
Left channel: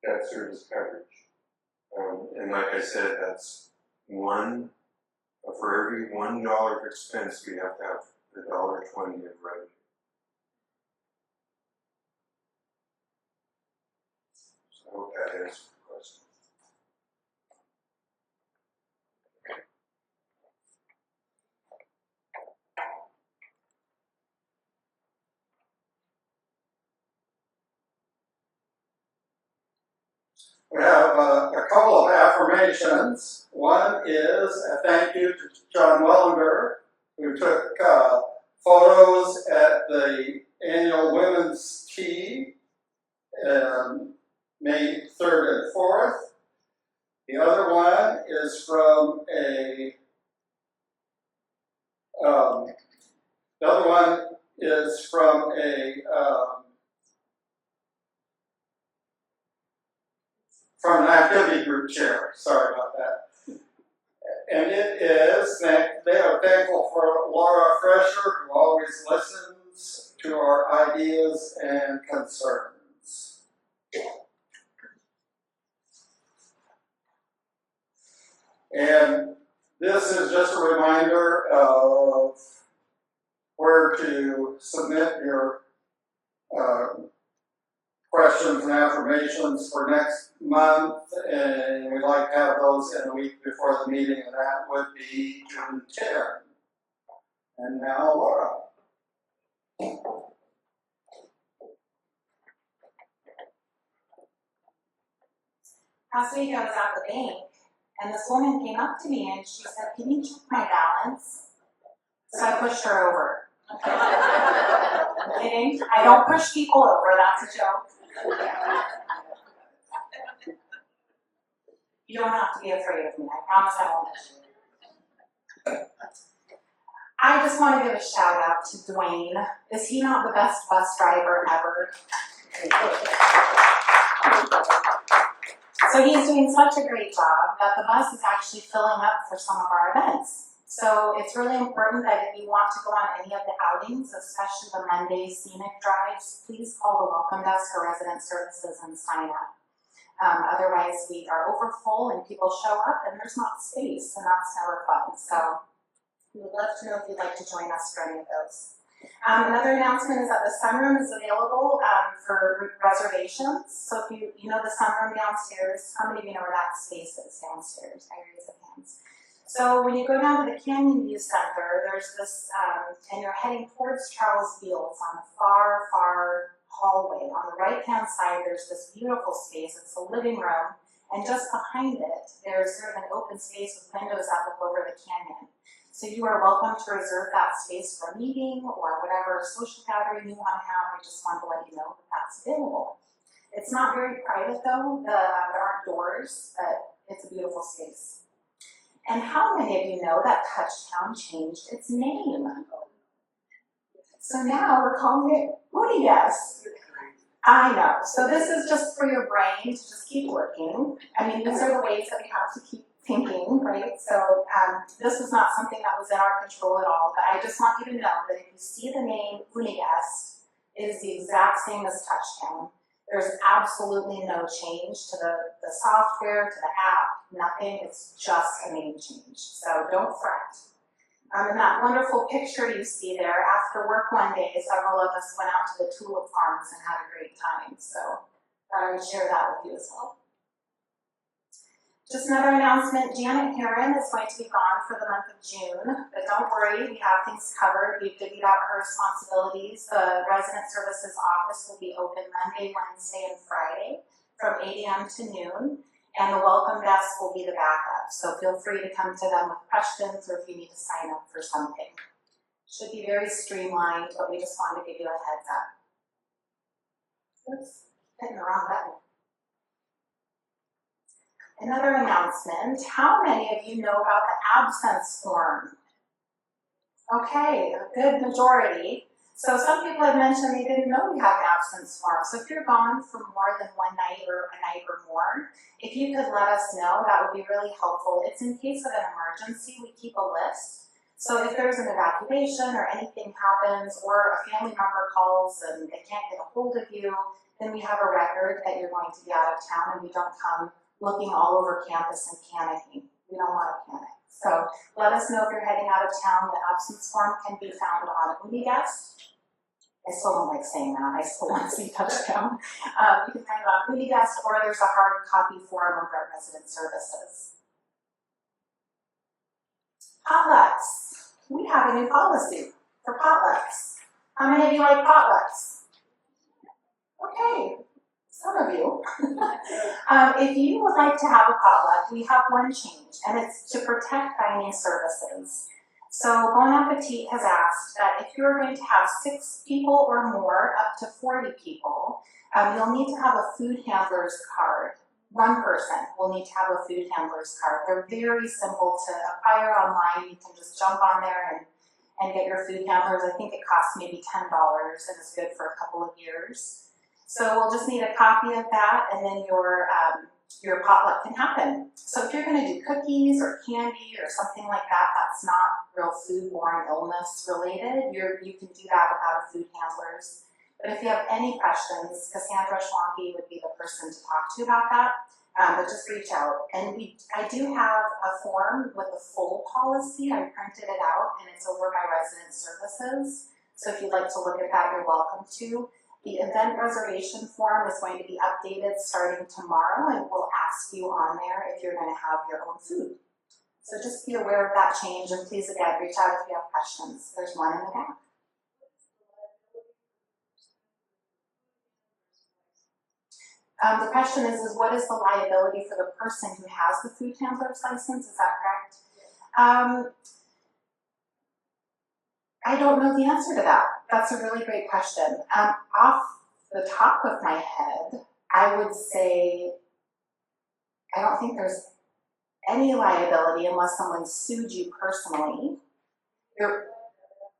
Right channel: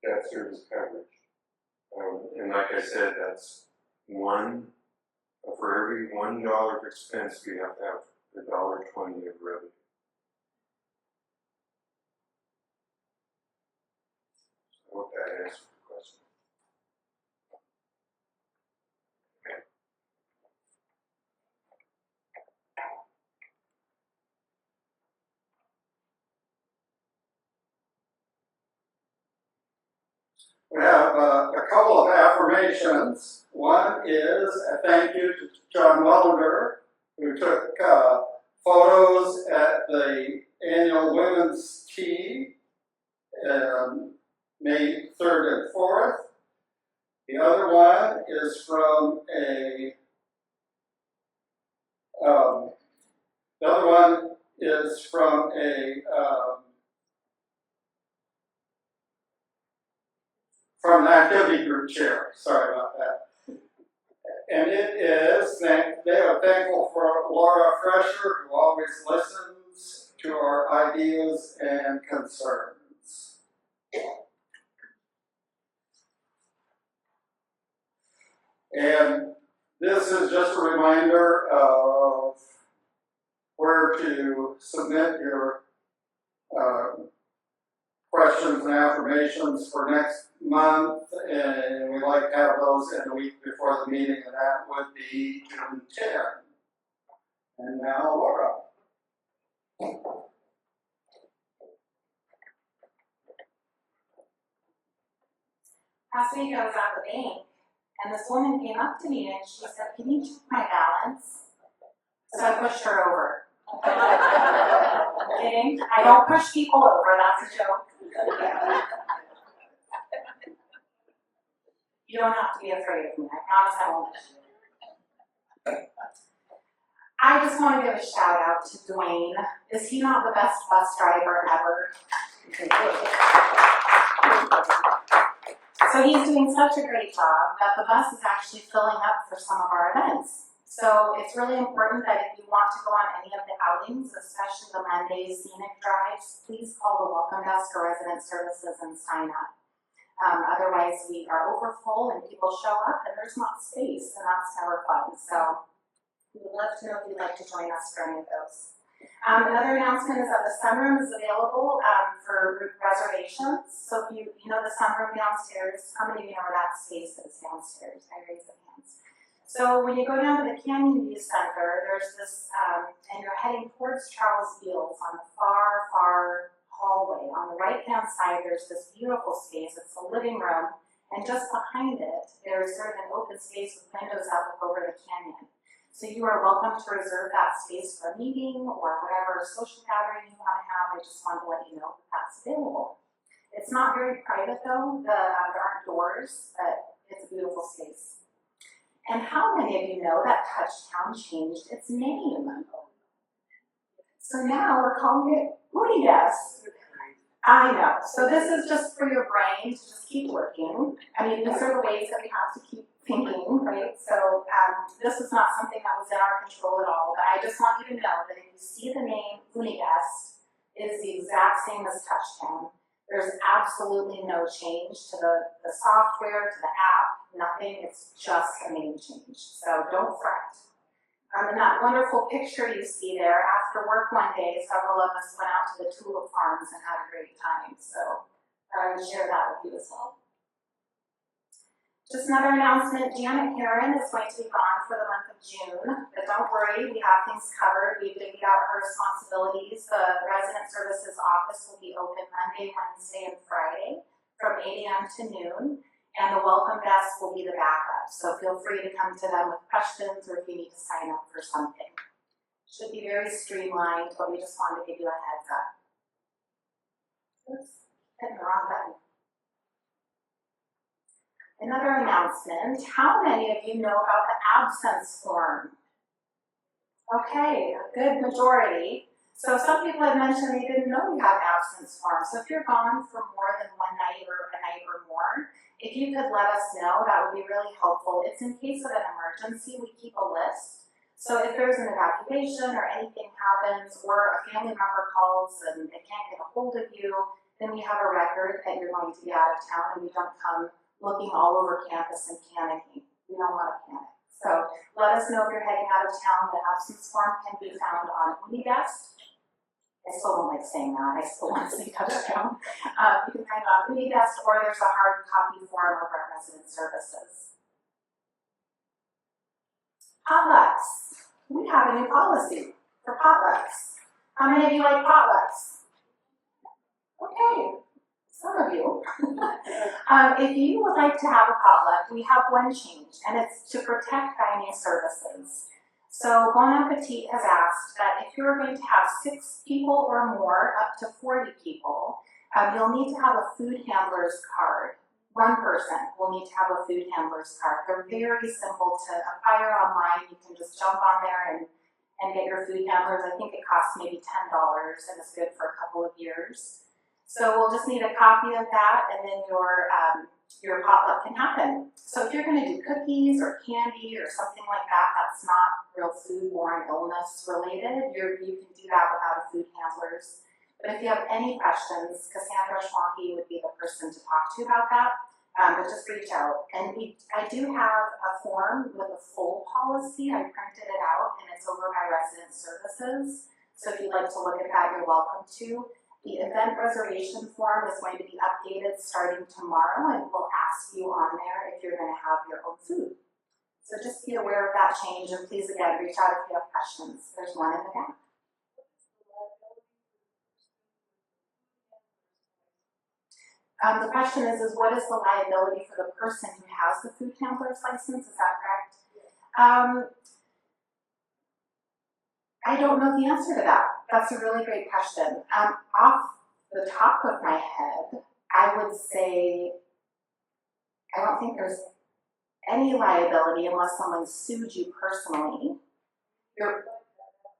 debt service coverage. And like I said, that's for every $1 of expense, we have to have $1.20 of revenue. So I hope that answers the question. We have a couple of affirmations. One is a thank you to John Wellender, who took photos at the annual Women's Tea May 3rd and 4th. The other one is from from an activity group chair. Sorry about that. And it is that they are thankful for Lora Froescher, who always listens to our ideas and concerns. And this is just a reminder of where to submit your questions and affirmations for next month, and we'd like to have those in a week before the meeting, and that would be June 10. And now, Lora. Last week I was at the bank, and this woman came up to me and she said, "Can you check my balance?" So I pushed her over. I'm kidding. I don't push people over, that's a joke. You don't have to be afraid of me, I promise I won't push you. I just want to give a shout out to Dwayne. Is he not the best bus driver ever? So he's doing such a great job that the bus is actually filling up for some of our events. So it's really important that if you want to go on any of the outings, especially the Monday scenic drives, please call the welcome desk or resident services and sign up. Otherwise, we are over full and people show up and there's not space, and that's never fun. So we would love to know if you'd like to join us for any of those. Another announcement is that the sunroom is available for reservations. So if you know the sunroom downstairs, how many of you know where that space is downstairs? I raise the hands. So when you go down to the Canyon View Center, there's this, and you're heading towards Charles Fields on the far, far hallway. On the right-hand side, there's this beautiful space. It's a living room, and just behind it, there's sort of an open space with windows that look over the canyon. So you are welcome to reserve that space for a meeting or whatever social gathering you want to have. I just wanted to let you know that that's available. It's not very private though. There aren't doors, but it's a beautiful space. And how many of you know that Touchtown changed its name? So now we're calling it Unides. I know. So this is just for your brain to just keep working. I mean, these are the ways that we have to keep thinking, right? So this is not something that was in our control at all, but I just want you to know that if you see the name Unides, it is the exact same as Touchtown. There's absolutely no change to the software, to the app, nothing. It's just a name change. So don't fret. And that wonderful picture you see there, after work one day, several of us went out to the tulip farms and had a great time. So I would share that with you as well. Just another announcement, Janet Heron is going to be gone for the month of June, but don't worry, we have things covered. We've divvied out her responsibilities. The resident services office will be open Monday, Wednesday, and Friday from 8 a.m. to noon, and the welcome desk will be the backup. So feel free to come to them with questions or if you need to sign up for something. Should be very streamlined, but we just wanted to give you a heads up. Oops, hitting the wrong button. Another announcement, how many of you know about the absence form? Okay, a good majority. So some people had mentioned they didn't know we have an absence form. So if you're gone for more than one night or a night or more, if you could let us know, that would be really helpful. It's in case of an emergency, we keep a list. So if there's an evacuation or anything happens or a family member calls and they can't get a hold of you, then we have a record that you're going to be out of town and we don't come looking all over campus and panicking. We don't want to panic. So let us know if you're heading out of town. The absence form can be found on Unides. I still don't like saying that. I still want to say Touchtown. You can find it on Unides, or there's a hard copy form over at Resident Services. Potlucks. We have a new policy for potlucks. How many of you like potlucks? Okay. Some of you. If you would like to have a potluck, we have one change, and it's to protect dining services. So Bon Appetit has asked that if you're going to have 6 people or more, up to 40 people, you'll need to have a food handler's card. One person will need to have a food handler's card. They're very simple to acquire online. You can just jump on there and get your food handlers. I think it costs maybe $10 and it's good for a couple of years. So we'll just need a copy of that, and then your potluck can happen. So if you're going to do cookies or candy or something like that, that's not real foodborne illness related. You can do that without a food handlers. But if you have any questions, Cassandra Schwanke would be the person to talk to about that. But just reach out. And I do have a form with a full policy. I printed it out, and it's over by Resident Services. So if you'd like to look at that, you're welcome to. The event reservation form is going to be updated starting tomorrow, and we'll ask you on there if you're going to have your own food. So just be aware of that change, and please again reach out if you have questions. There's one in the back. The question is what is the liability for the person who has the food handler's license? Is that correct? I don't know the answer to that. That's a really great question. Off the top of my head, I would say I don't think there's any liability unless someone sued you personally.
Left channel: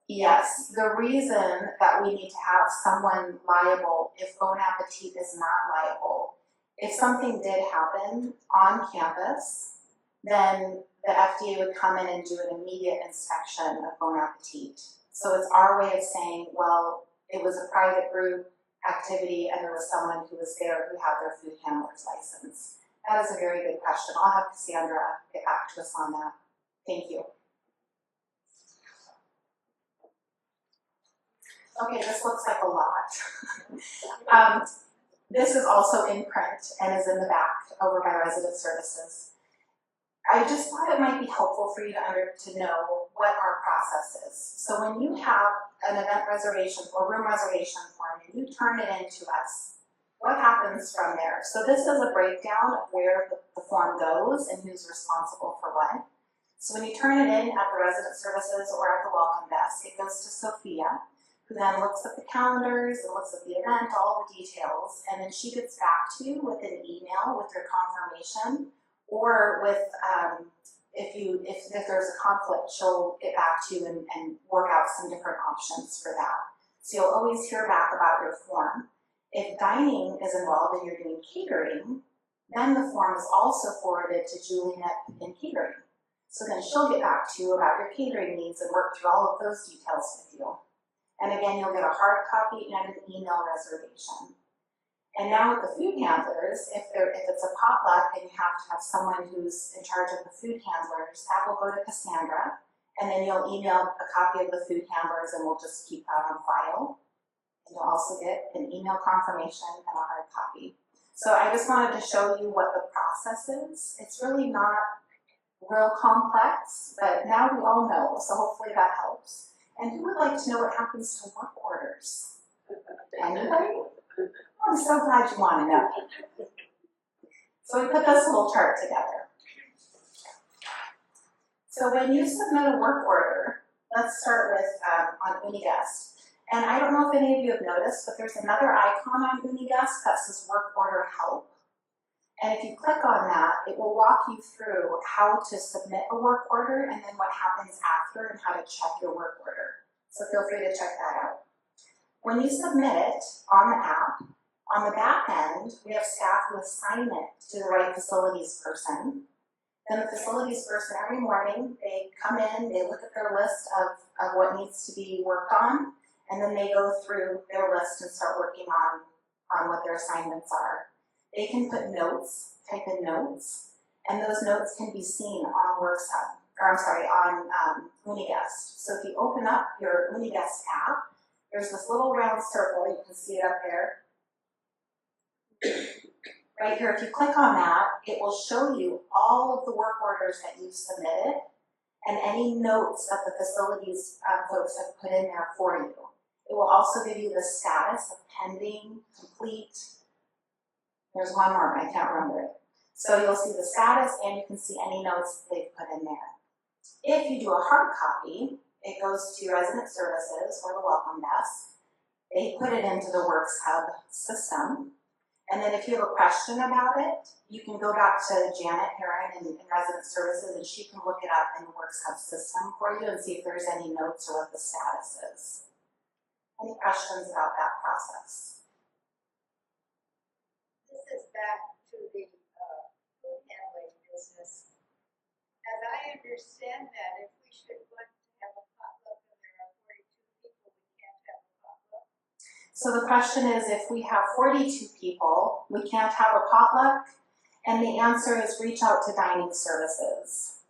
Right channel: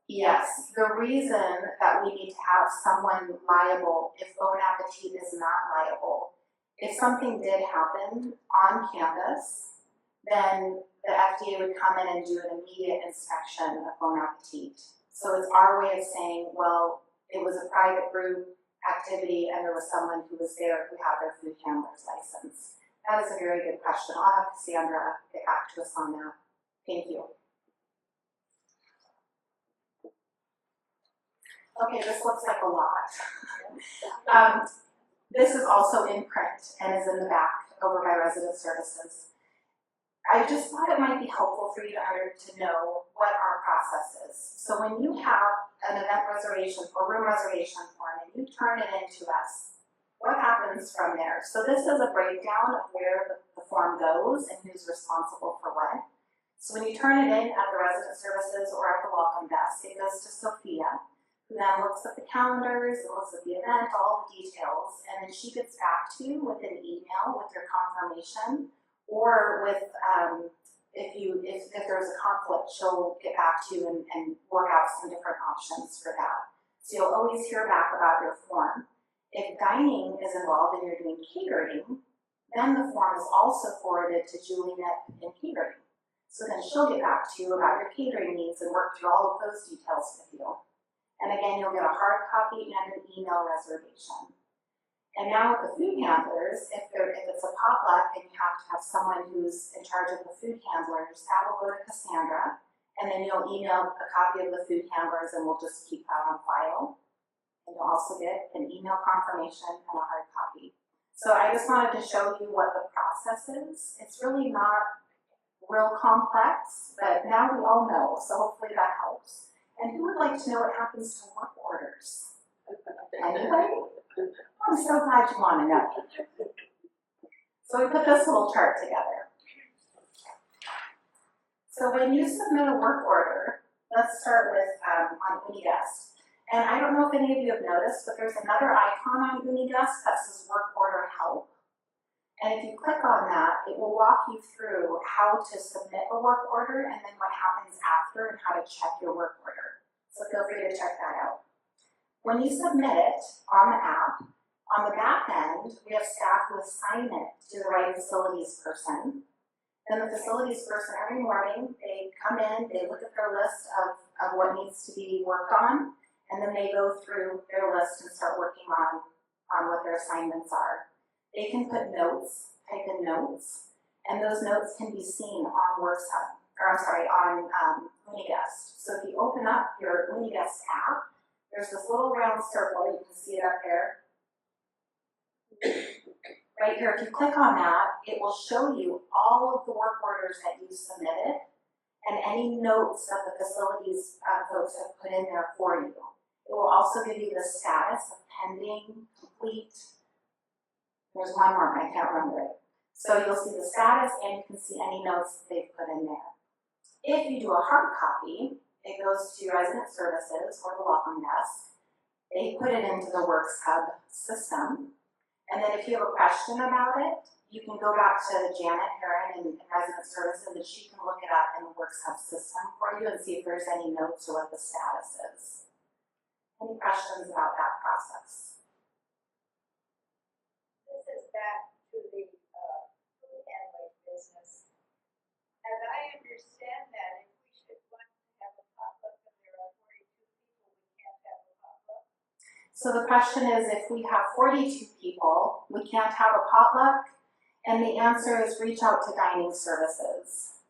Yes, the reason that we need to have someone liable if Bon Appetit is not liable, if something did happen on campus, then the FDA would come in and do an immediate inspection of Bon Appetit. So it's our way of saying, well, it was a private group activity and there was someone who was there who had their food handler's license. That is a very good question. I'll have Cassandra get back to us on that. Thank you. Okay, this looks like a lot. This is also in print and is in the back over by Resident Services. I just thought it might be helpful for you to know what our process is. So when you have an event reservation or room reservation form and you turn it into us, what happens from there? So this is a breakdown of where the form goes and who's responsible for what. So when you turn it in at the Resident Services or at the welcome desk, it goes to Sophia, who then looks at the calendars and looks at the event, all the details, and then she gets back to you with an email with your confirmation, or with, if there's a conflict, she'll get back to you and work out some different options for that. So you'll always hear back about your form. If dining is involved and you're doing catering, then the form is also forwarded to Juliet in catering. So then she'll get back to you about your catering needs and work through all of those details with you. And again, you'll get a hard copy and an email reservation. And now with the food handlers, if it's a potluck and you have to have someone who's in charge of the food handlers, that will go to Cassandra, and then you'll email a copy of the food handlers and we'll just keep that on file. And you'll also get an email confirmation and a hard copy. So I just wanted to show you what the process is. It's really not real complex, but now we all know, so hopefully that helps. And who would like to know what happens to work orders? Anybody? I'm so glad you want to know. So we put this little chart together. So when you submit a work order, let's start with on Uniguest. And I don't know if any of you have noticed, but there's another icon on Uniguest that says Work Order Help. And if you click on that, it will walk you through how to submit a work order and then what happens after and how to check your work order. So feel free to check that out. When you submit it on the app, on the back end, we have staff who assign it to the right facilities person. Then the facilities person, every morning, they come in, they look at their list of what needs to be worked on, and then they go through their list and start working on what their assignments are. They can put notes, type in notes, and those notes can be seen on on Uniguest. So if you open up your Uniguest app, there's this little round circle, you can see it up there. Right here, if you click on that, it will show you all of the work orders that you've submitted and any notes that the facilities folks have put in there for you. It will also give you the status of pending, complete. There's one more, I can't remember it. So you'll see the status and you can see any notes that they've put in there. If you do a hard copy, it goes to Resident Services or the Welcome Desk. They put it into the Works Hub system. And then if you have a question about it, you can go back to Janet Heron in Resident Services and she can look it up in the Works Hub system for you and see if there's any notes or what the status is. Any questions about that process? This is back to the food handling business. As I understand that, if we should want to have a potluck and there are 42 people, we can't have a potluck. So the question is, if we have 42 people, we can't have a potluck? And the answer is reach out to dining services.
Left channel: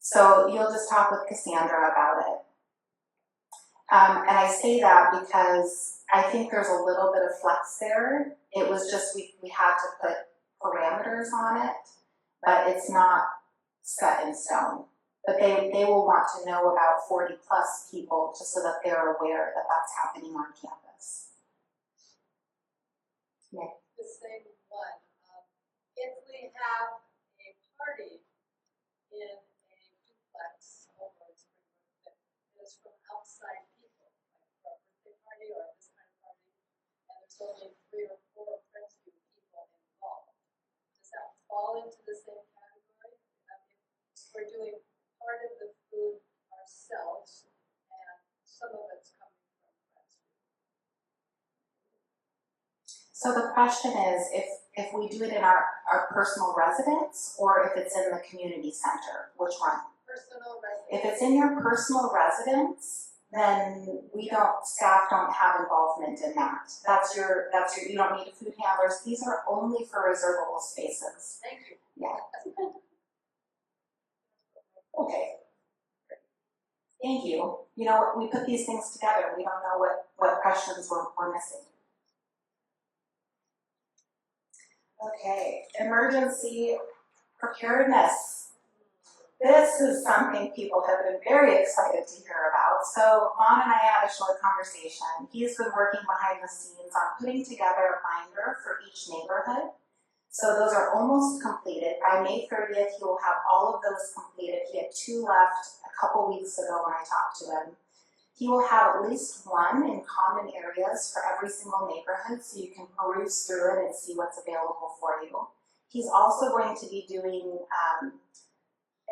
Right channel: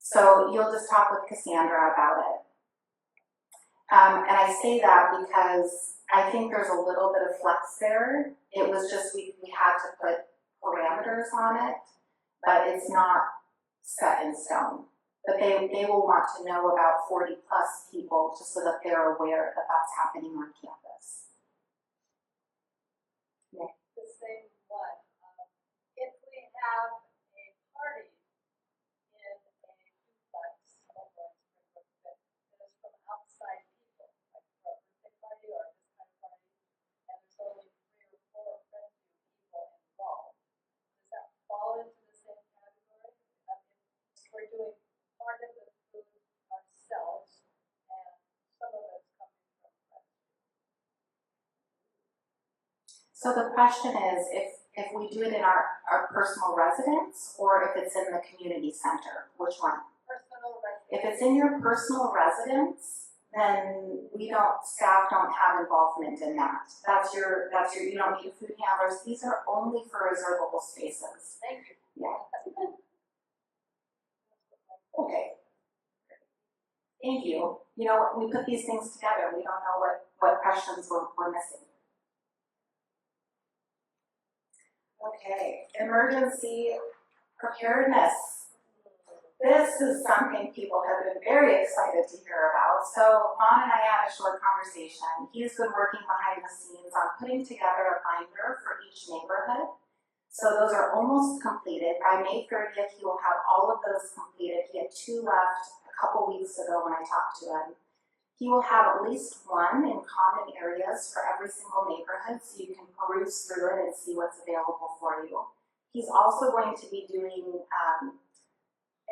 So you'll just talk with Cassandra about it. And I say that because I think there's a little bit of flex there. It was just we had to put parameters on it, but it's not set in stone. But they will want to know about 40 plus people just so that they're aware that that's happening on campus. Yeah. The same one. If we have a party in a duplex almost, that is from outside people, like for a birthday party or this kind of party, and there's only 3 or 4 Friendsview people involved, does that fall into the same category? We're doing part of the food ourselves, and some of it's coming from Friendsview. So the question is, if we do it in our personal residence or if it's in the community center, which one? Personal residence. If it's in your personal residence, then staff don't have involvement in that. That's your, you don't need food handlers. These are only for reservable spaces. Thank you. Yeah. Okay. Thank you. You know what, we put these things together, we don't know what questions we're missing. Okay, emergency preparedness. This is something people have been very excited to hear about. So Vaughn and I had a short conversation. He's been working behind the scenes on putting together a binder for each neighborhood. So those are almost completed. By May 30th, he will have all of those completed. He had 2 left a couple weeks ago when I talked to him. He will have at least one in common areas for every single neighborhood, so you can peruse through it and see what's available for you. He's also going to be doing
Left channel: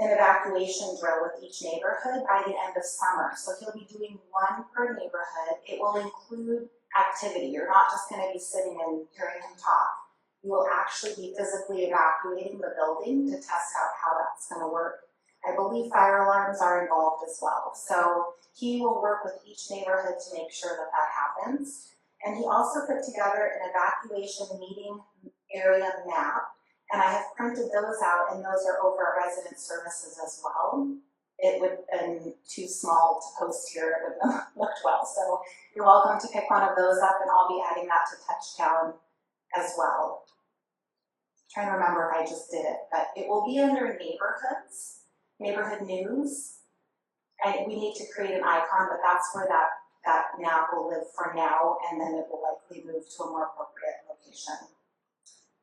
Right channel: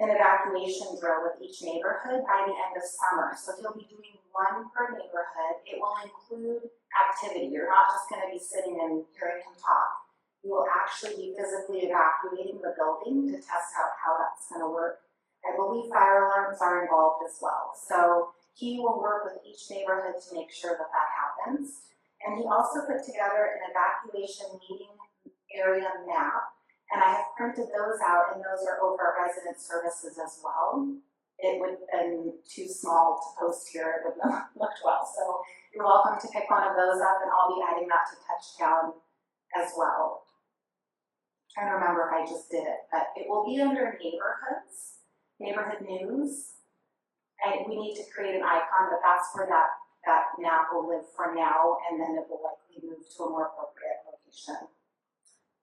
an evacuation drill with each neighborhood by the end of summer. So he'll be doing one per neighborhood. It will include activity. You're not just going to be sitting and hearing him talk. You will actually be physically evacuating the building to test out how that's going to work. I believe fire alarms are involved as well. So he will work with each neighborhood to make sure that that happens. And he also put together an evacuation meeting area map. And I have printed those out, and those are over at Resident Services as well. It would have been too small to post here, it would not have looked well. So you're welcome to pick one of those up, and I'll be adding that to Touchdown as well. I'm trying to remember if I just did it, but it will be under neighborhoods, neighborhood news. And we need to create an icon, but that's where that map will live for now, and then it will likely move to a more appropriate location.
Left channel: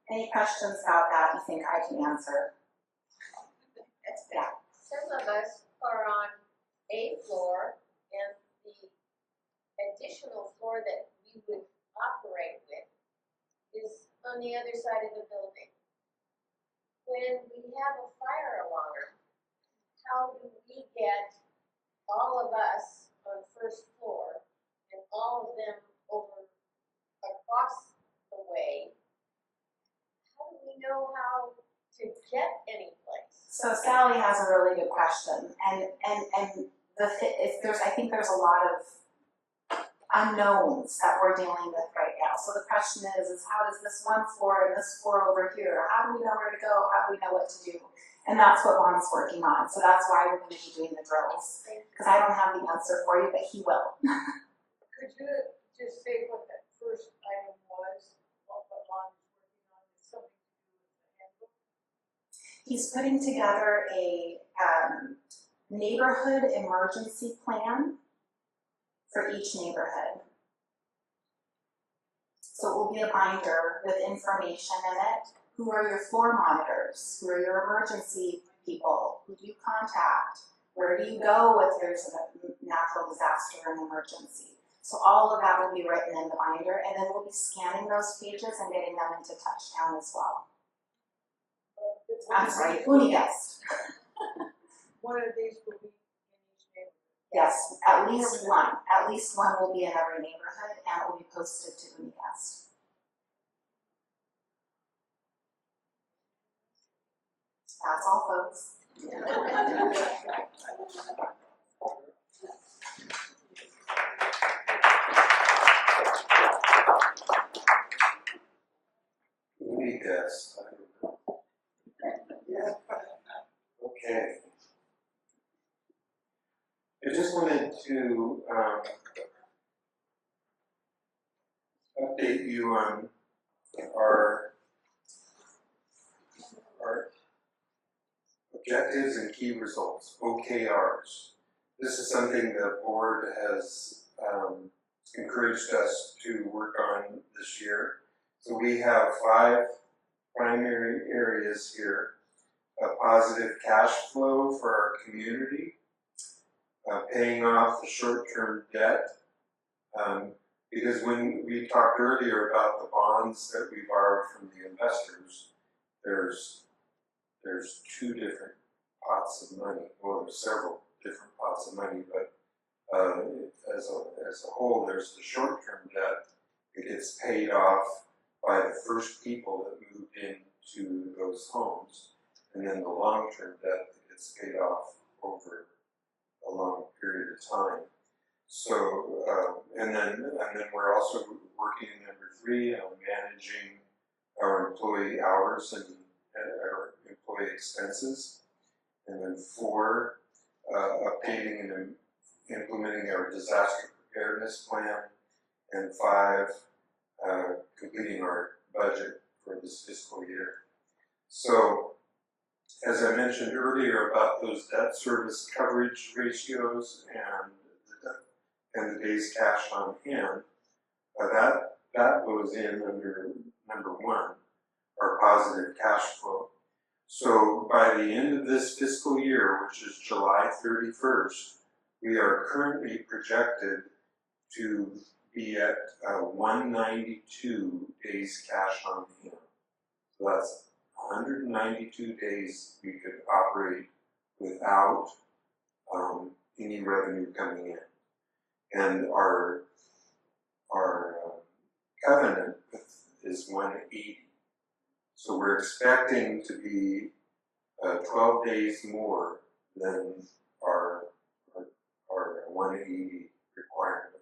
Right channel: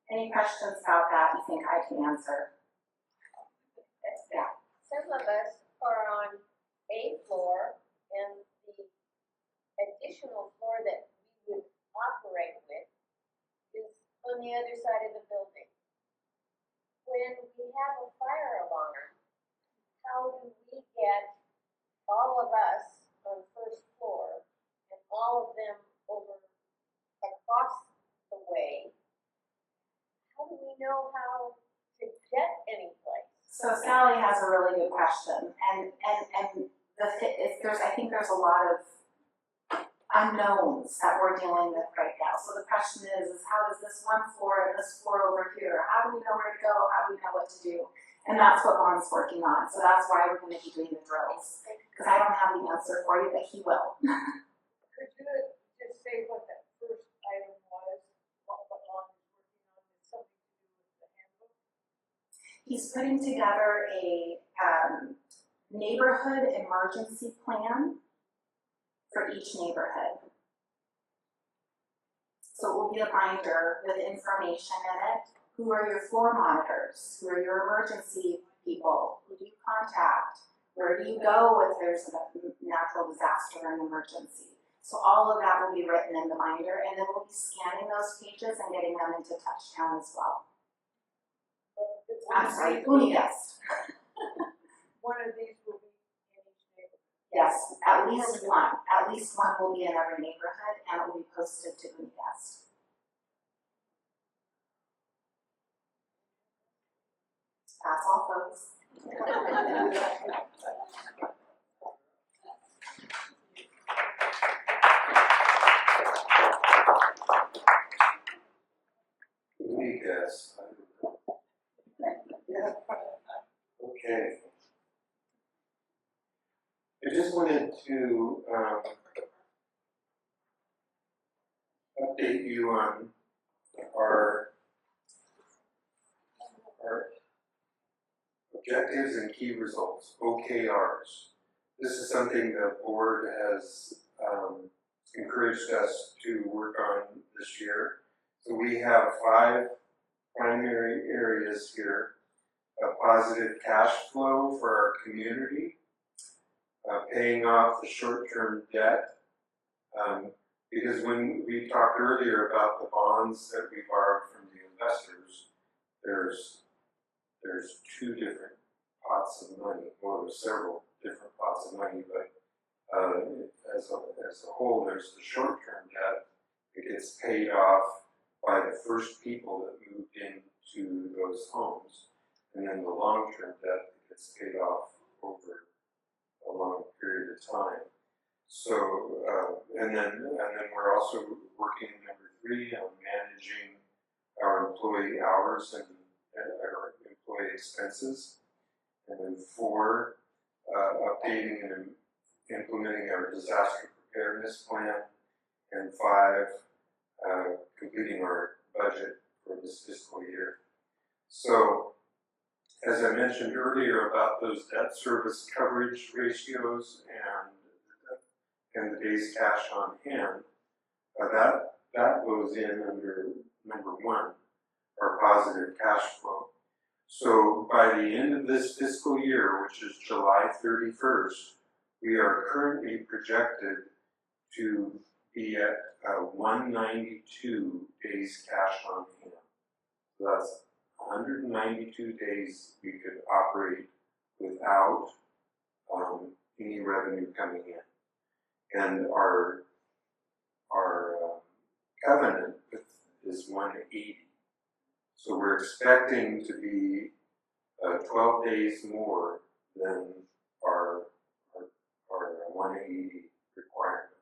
Any questions about that you think I can answer? Yeah. Some of us are on a floor, and the additional floor that we would operate with is on the other side of the building. When we have a fire alarm, how do we get all of us on first floor and all of them over across the way? How do we know how to get any place? So Sally has a really good question, and I think there's a lot of unknowns that we're dealing with right now. So the question is how does this one floor and this floor over here, how do we know where to go? How do we know what to do? And that's what Lon's working on. So that's why we're going to be doing the drills. Because I don't have the answer for you, but he will. Could you just say what that first item was, what Lon is working on, is something to do with the handbook? He's putting together a neighborhood emergency plan for each neighborhood. So it will be a binder with information in it. Who are your floor monitors? Who are your emergency people? Who do you contact? Where do you go if there's a natural disaster or an emergency? So all of that will be written in the binder, and then we'll be scanning those pages and getting them into Touchdown as well. I'm sorry, Uniguest. One of these will be in each neighborhood. Yes, at least one. At least one will be in every neighborhood, and it will be posted to Uniguest. That's all, folks. Yes. Okay. I just wanted to update you on our objectives and key results, OKRs. This is something the board has encouraged us to work on this year. So we have 5 primary areas here: a positive cash flow for our community, paying off the short-term debt, because when we talked earlier about the bonds that we borrowed from the investors, there's 2 different pots of money. Well, there's several different pots of money, but as a whole, there's the short-term debt. It gets paid off by the first people that moved into those homes, and then the long-term debt that gets paid off over a long period of time. So, and then we're also working number 3 on managing our employee hours and our employee expenses. And then 4, updating and implementing our disaster preparedness plan. And 5, completing our budget for this fiscal year. So, as I mentioned earlier about those debt service coverage ratios and the days cash on hand, that goes in under number 1, our positive cash flow. So by the end of this fiscal year, which is July 31st, we are currently projected to be at 192 days cash on hand. So that's 192 days we could operate without any revenue coming in. And our covenant is 180. So we're expecting to be 12 days more than our 180 requirement.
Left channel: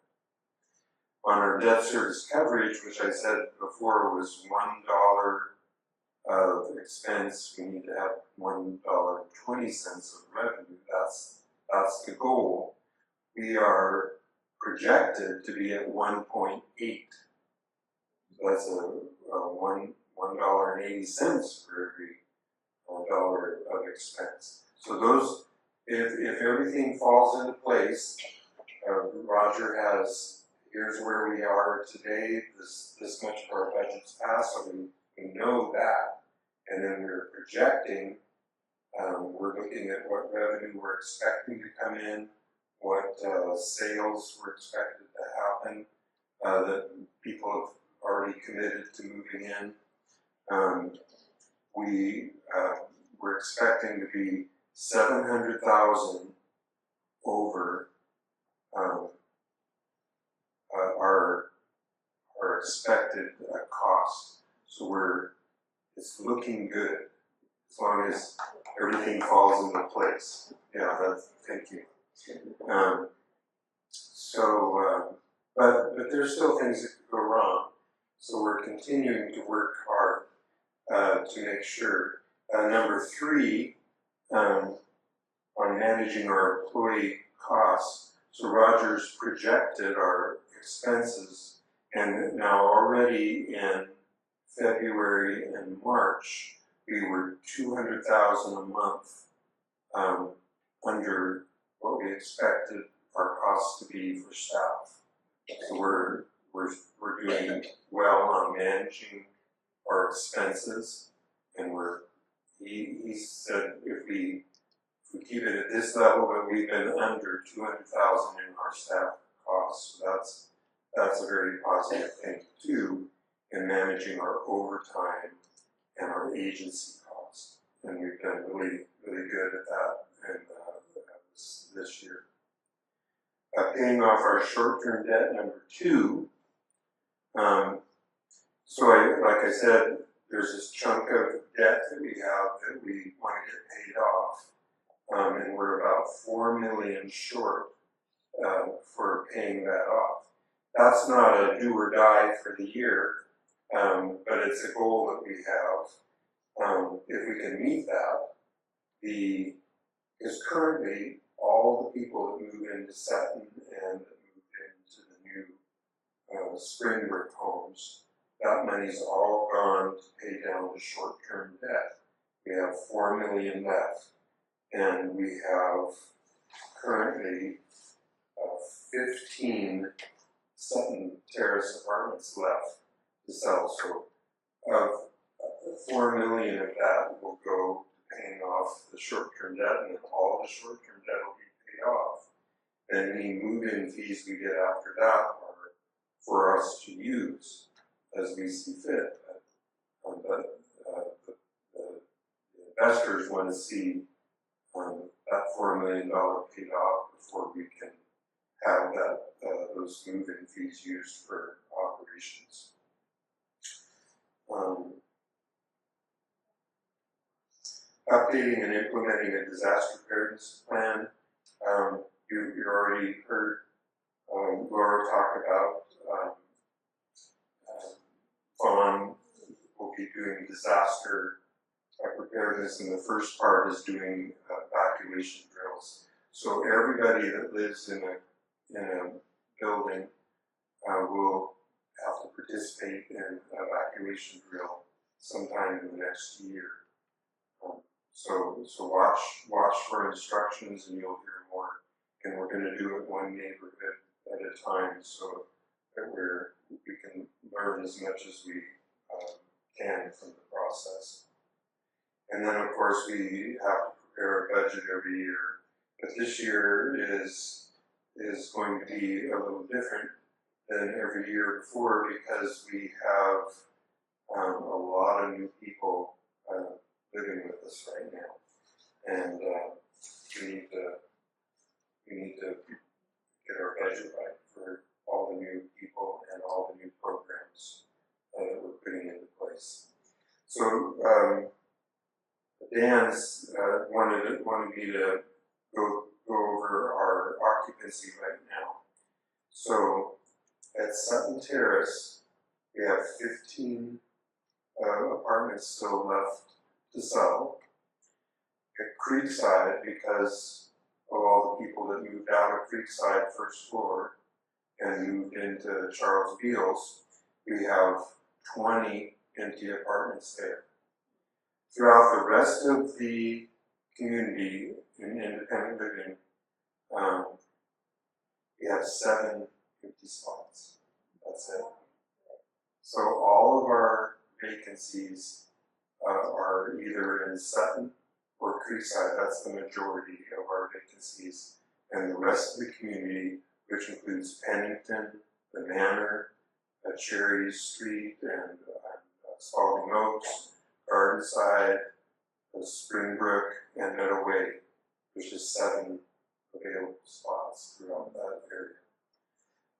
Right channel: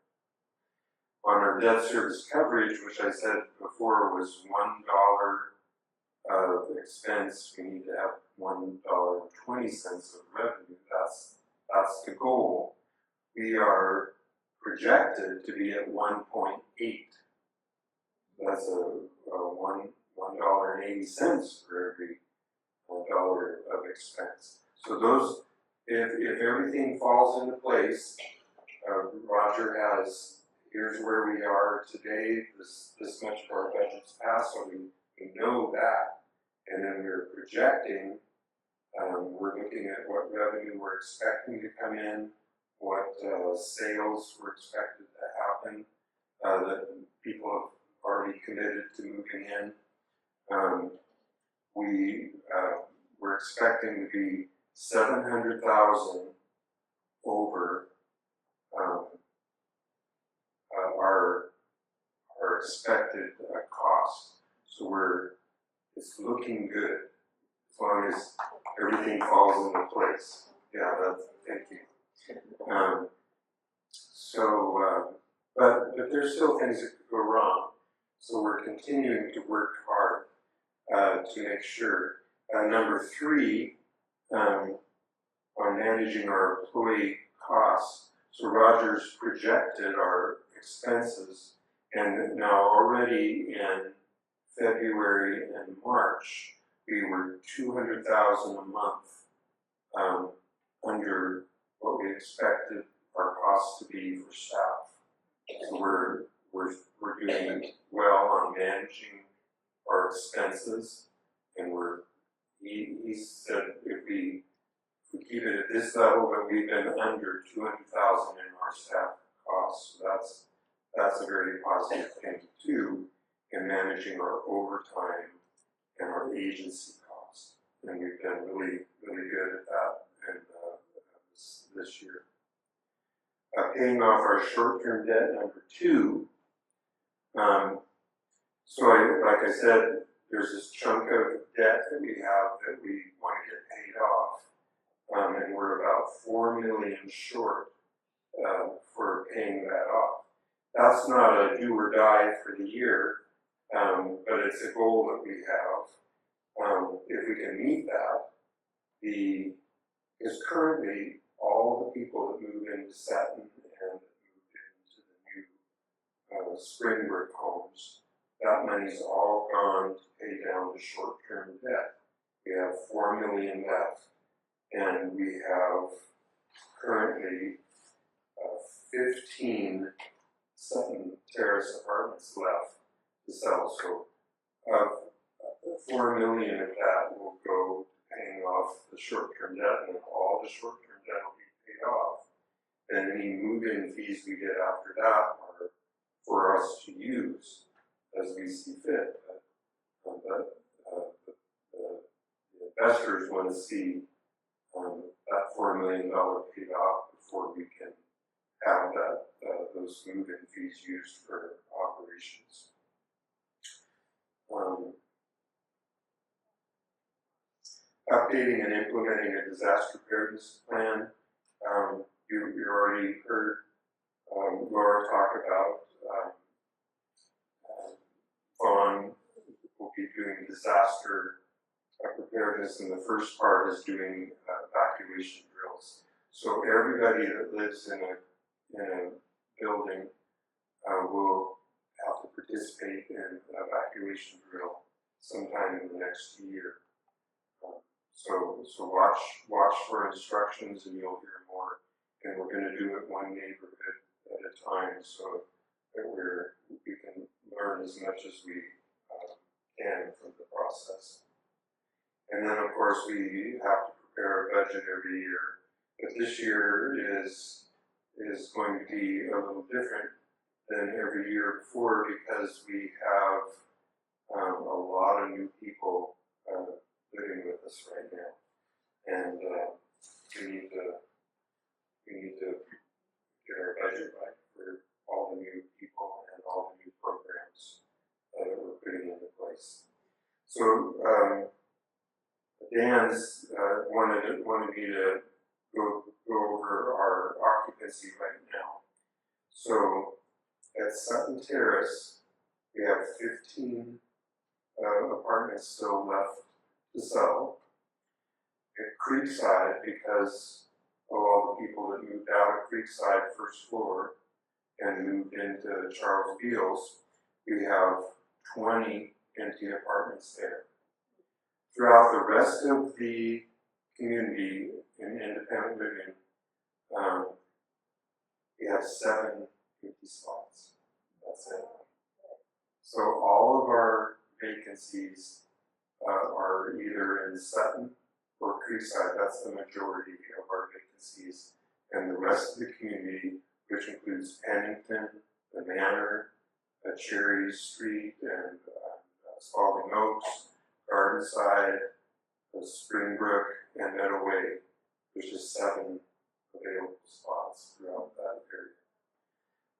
On our debt service coverage, which I said before was $1 of expense, we need to have $1.20 of revenue. That's the goal. We are projected to be at 1.8. That's $1.80 for every dollar of expense. So those, if everything falls into place, Roger has, here's where we are today, this much of our budget's passed, so we know that, and then we're projecting, we're looking at what revenue we're expecting to come in, what sales we're expected to happen, that people have already committed to moving in. We're expecting to be 700,000 over our expected cost. So it's looking good as long as everything falls into place. Yeah, thank you. But there's still things that could go wrong. So we're continuing to work hard to make sure. Number 3, on managing our employee costs. So Roger's projected our expenses, and now already in February and March, we were $200,000 a month under what we expected our costs to be for staff. So we're doing well on managing our expenses, and he said if we keep it at this level, but we've been under $200,000 in our staff costs. So that's a very positive thing too in managing our overtime and our agency costs. And we've been really, really good at that and this year. Paying off our short-term debt, number 2. So like I said, there's this chunk of debt that we have that we want to get paid off. And we're about $4 million short for paying that off. That's not a do or die for the year, but it's a goal that we have. If we can meet that, because currently all the people that move into Sutton and that moved into the new Springbrook homes, that money's all gone to pay down the short-term debt. We have $4 million left. And we have currently 15 Sutton Terrace apartments left to sell. So $4 million of that will go to paying off the short-term debt, and then all the short-term debt will be paid off. And any move-in fees we get after that are for us to use as we see fit. The investors want to see that $4 million paid off before we can have those move-in fees used for operations. Updating and implementing a disaster preparedness plan. You already heard Lora talk about Vaughn will be doing disaster preparedness, and the first part is doing evacuation drills. So everybody that lives in a building will have to participate in an evacuation drill sometime in the next year. So watch for instructions, and you'll hear more. And we're going to do it one neighborhood at a time, so that we can learn as much as we can from the process. And then, of course, we have to prepare a budget every year. But this year is going to be a little different than every year before, because we have a lot of new people living with us right now, and we need to get our budget right for all the new people and all the new programs that we're putting into place. So Dan's wanted me to go over our occupancy right now. So at Sutton Terrace, we have 15 apartments still left to sell. At Creekside, because of all the people that moved out of Creekside first floor and moved into Charles Beals, we have 20 empty apartments there. Throughout the rest of the community in independent living, we have 7 empty spots. That's it. So all of our vacancies are either in Sutton or Creekside. That's the majority of our vacancies. And the rest of the community, which includes Pennington, the Manor, Cherry Street, and Spalding Oaks, Gardenside, Springbrook, and Meadow Way. There's just 7 available spots throughout that area.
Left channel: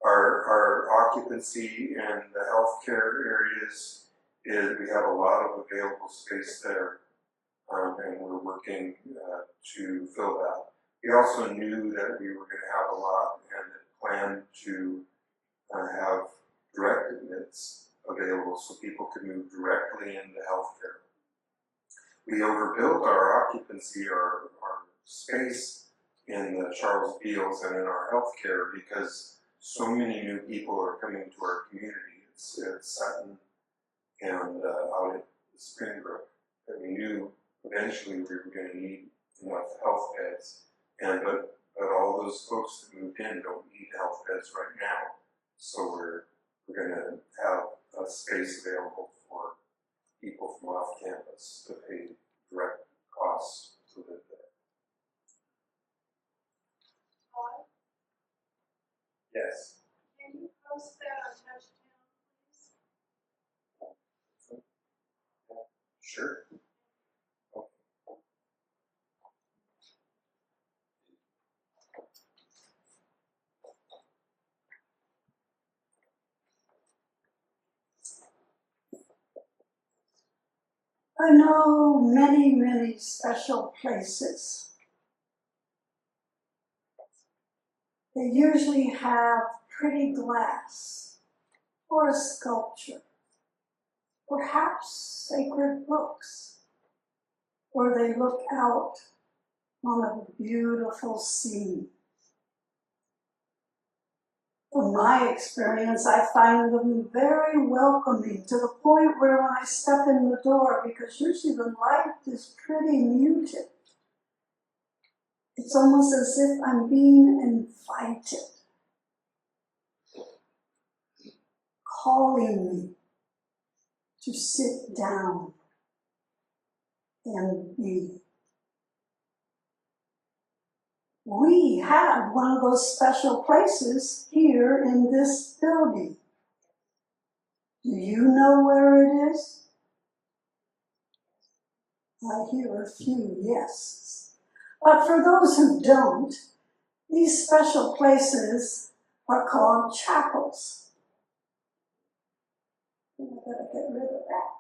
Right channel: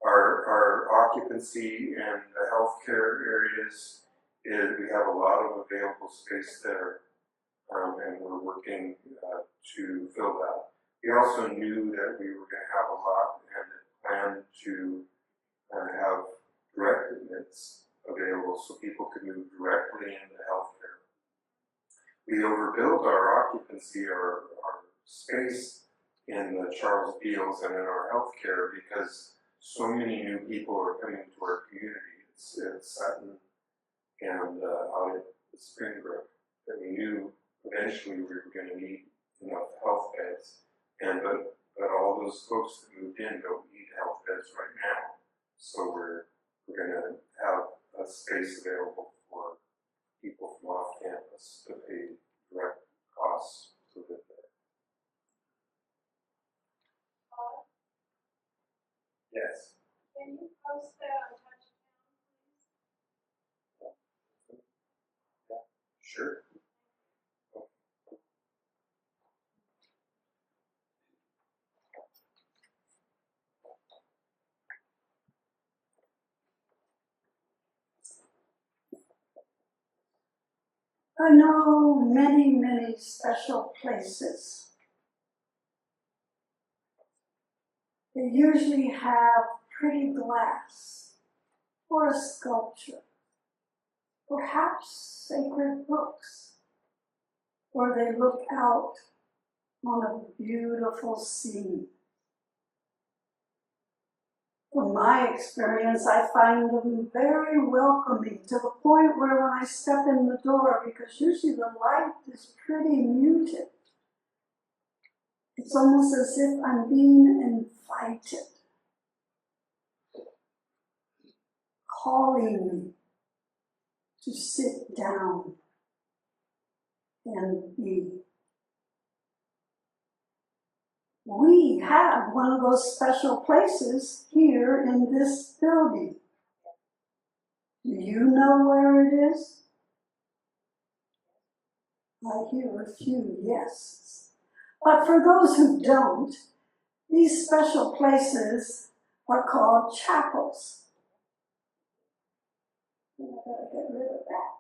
Our occupancy in the healthcare areas is we have a lot of available space there, and we're working to fill that. We also knew that we were going to have a lot and planned to have direct admits available so people could move directly into healthcare. We overbuilt our occupancy, our space in the Charles Beals and in our healthcare because so many new people are coming to our community. It's Sutton and out at Springbrook that we knew eventually we were going to need enough health beds. But all those folks that moved in don't need health beds right now. So we're going to have a space available for people from off campus to pay direct costs to live there. Todd, Yes. can you post that on Touchdown, please? Sure. I know many special places. They usually have pretty glass or a sculpture, perhaps sacred books, or they look out on a beautiful sea. From my experience, I find them very welcoming to the point where when I step in the door, because usually the light is pretty muted, it's almost as if I'm being invited, calling me to sit down and be. We have one of those special places here in this building. Do you know where it is? I hear a few yeses. But for those who don't, these special places are called chapels. And I gotta get rid of that.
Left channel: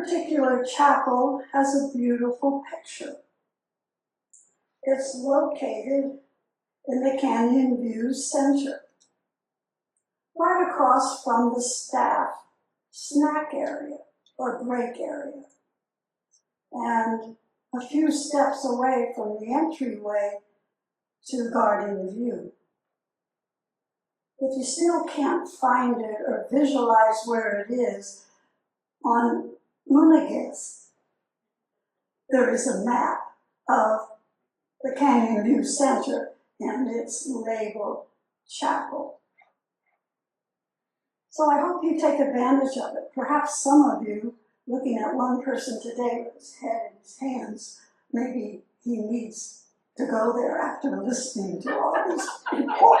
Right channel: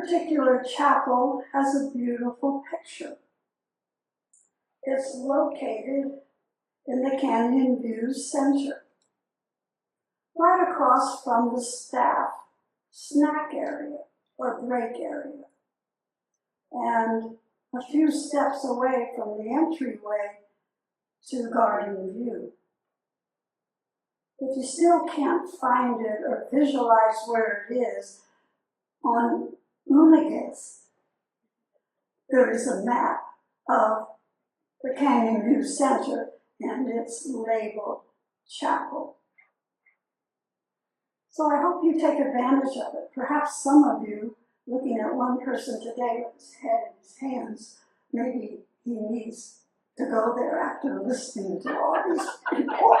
particular chapel has a beautiful picture. It's located in the Canyon View Center, right across from the staff snack area or break area, and a few steps away from the entryway to Garden View. If you still can't find it or visualize where it is, on Unigas, there is a map of the Canyon View Center, and it's labeled Chapel. So I hope you take advantage of it. Perhaps some of you, looking at one person today with his head in his hands, maybe he needs to go there after listening to all these people.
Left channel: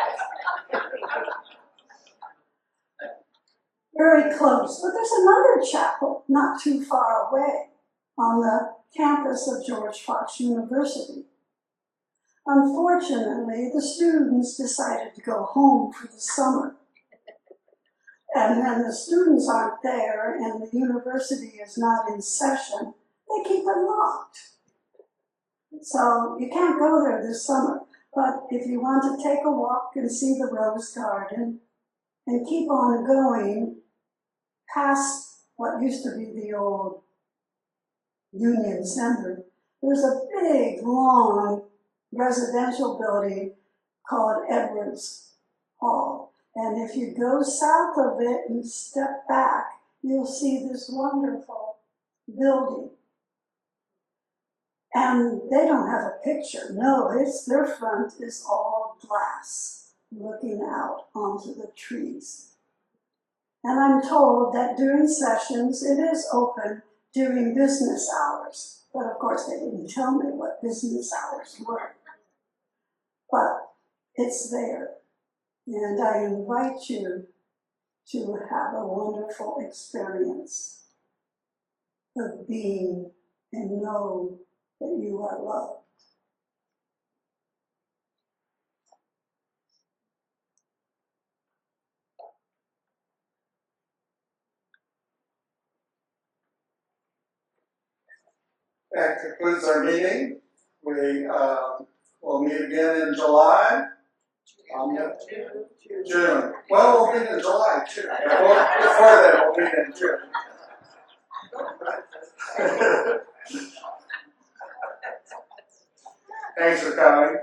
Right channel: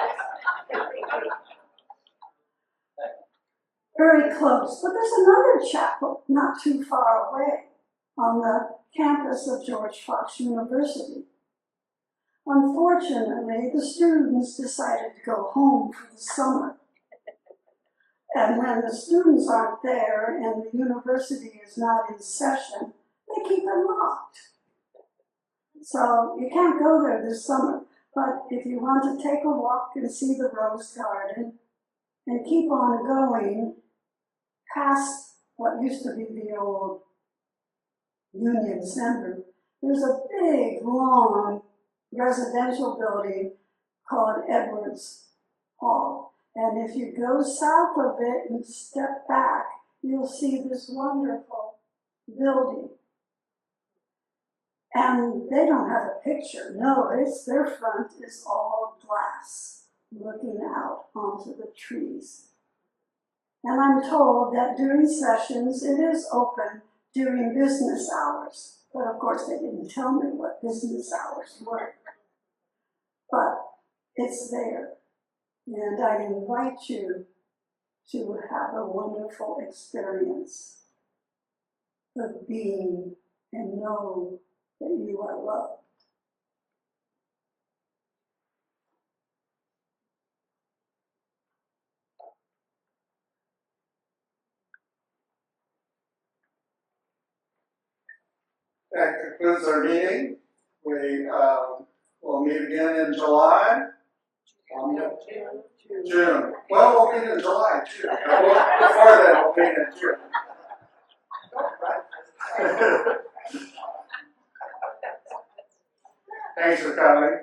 Very close, but there's another chapel not too far away on the campus of George Fox University. Unfortunately, the students decided to go home for the summer. And when the students aren't there and the university is not in session, they keep it locked. So you can't go there this summer, but if you want to take a walk and see the rose garden and keep on going past what used to be the old Union Center, there's a big, long residential building called Edwards Hall. And if you go south of it and step back, you'll see this wonderful building. And they don't have a picture. No, their front is all glass, looking out onto the trees. And I'm told that during sessions, it is open during business hours. But of course, they didn't tell me what business hours were. But it's there. And I invite you to have a wonderful experience of being and know that you are loved. That concludes our meeting. We will meet again in July. June. Well, we'll meet in July too. Before that, we'll meet in June. Thanks for coming.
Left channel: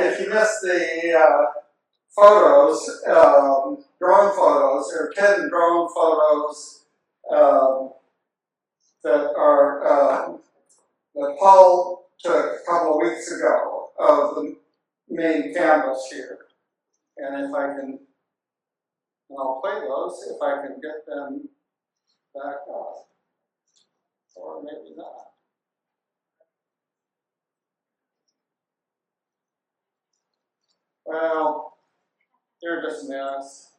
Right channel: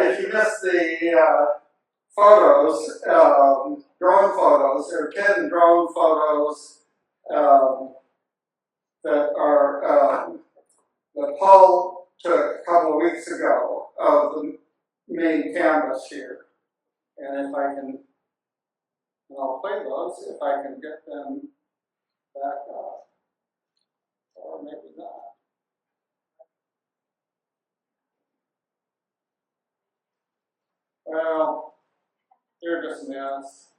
If you missed the photos, drone photos, there are 10 drone photos that are that Paul took a couple of weeks ago of the main canvas here. And if I can, and I'll play those if I can get them back up, or maybe not. Well, they're just a mess.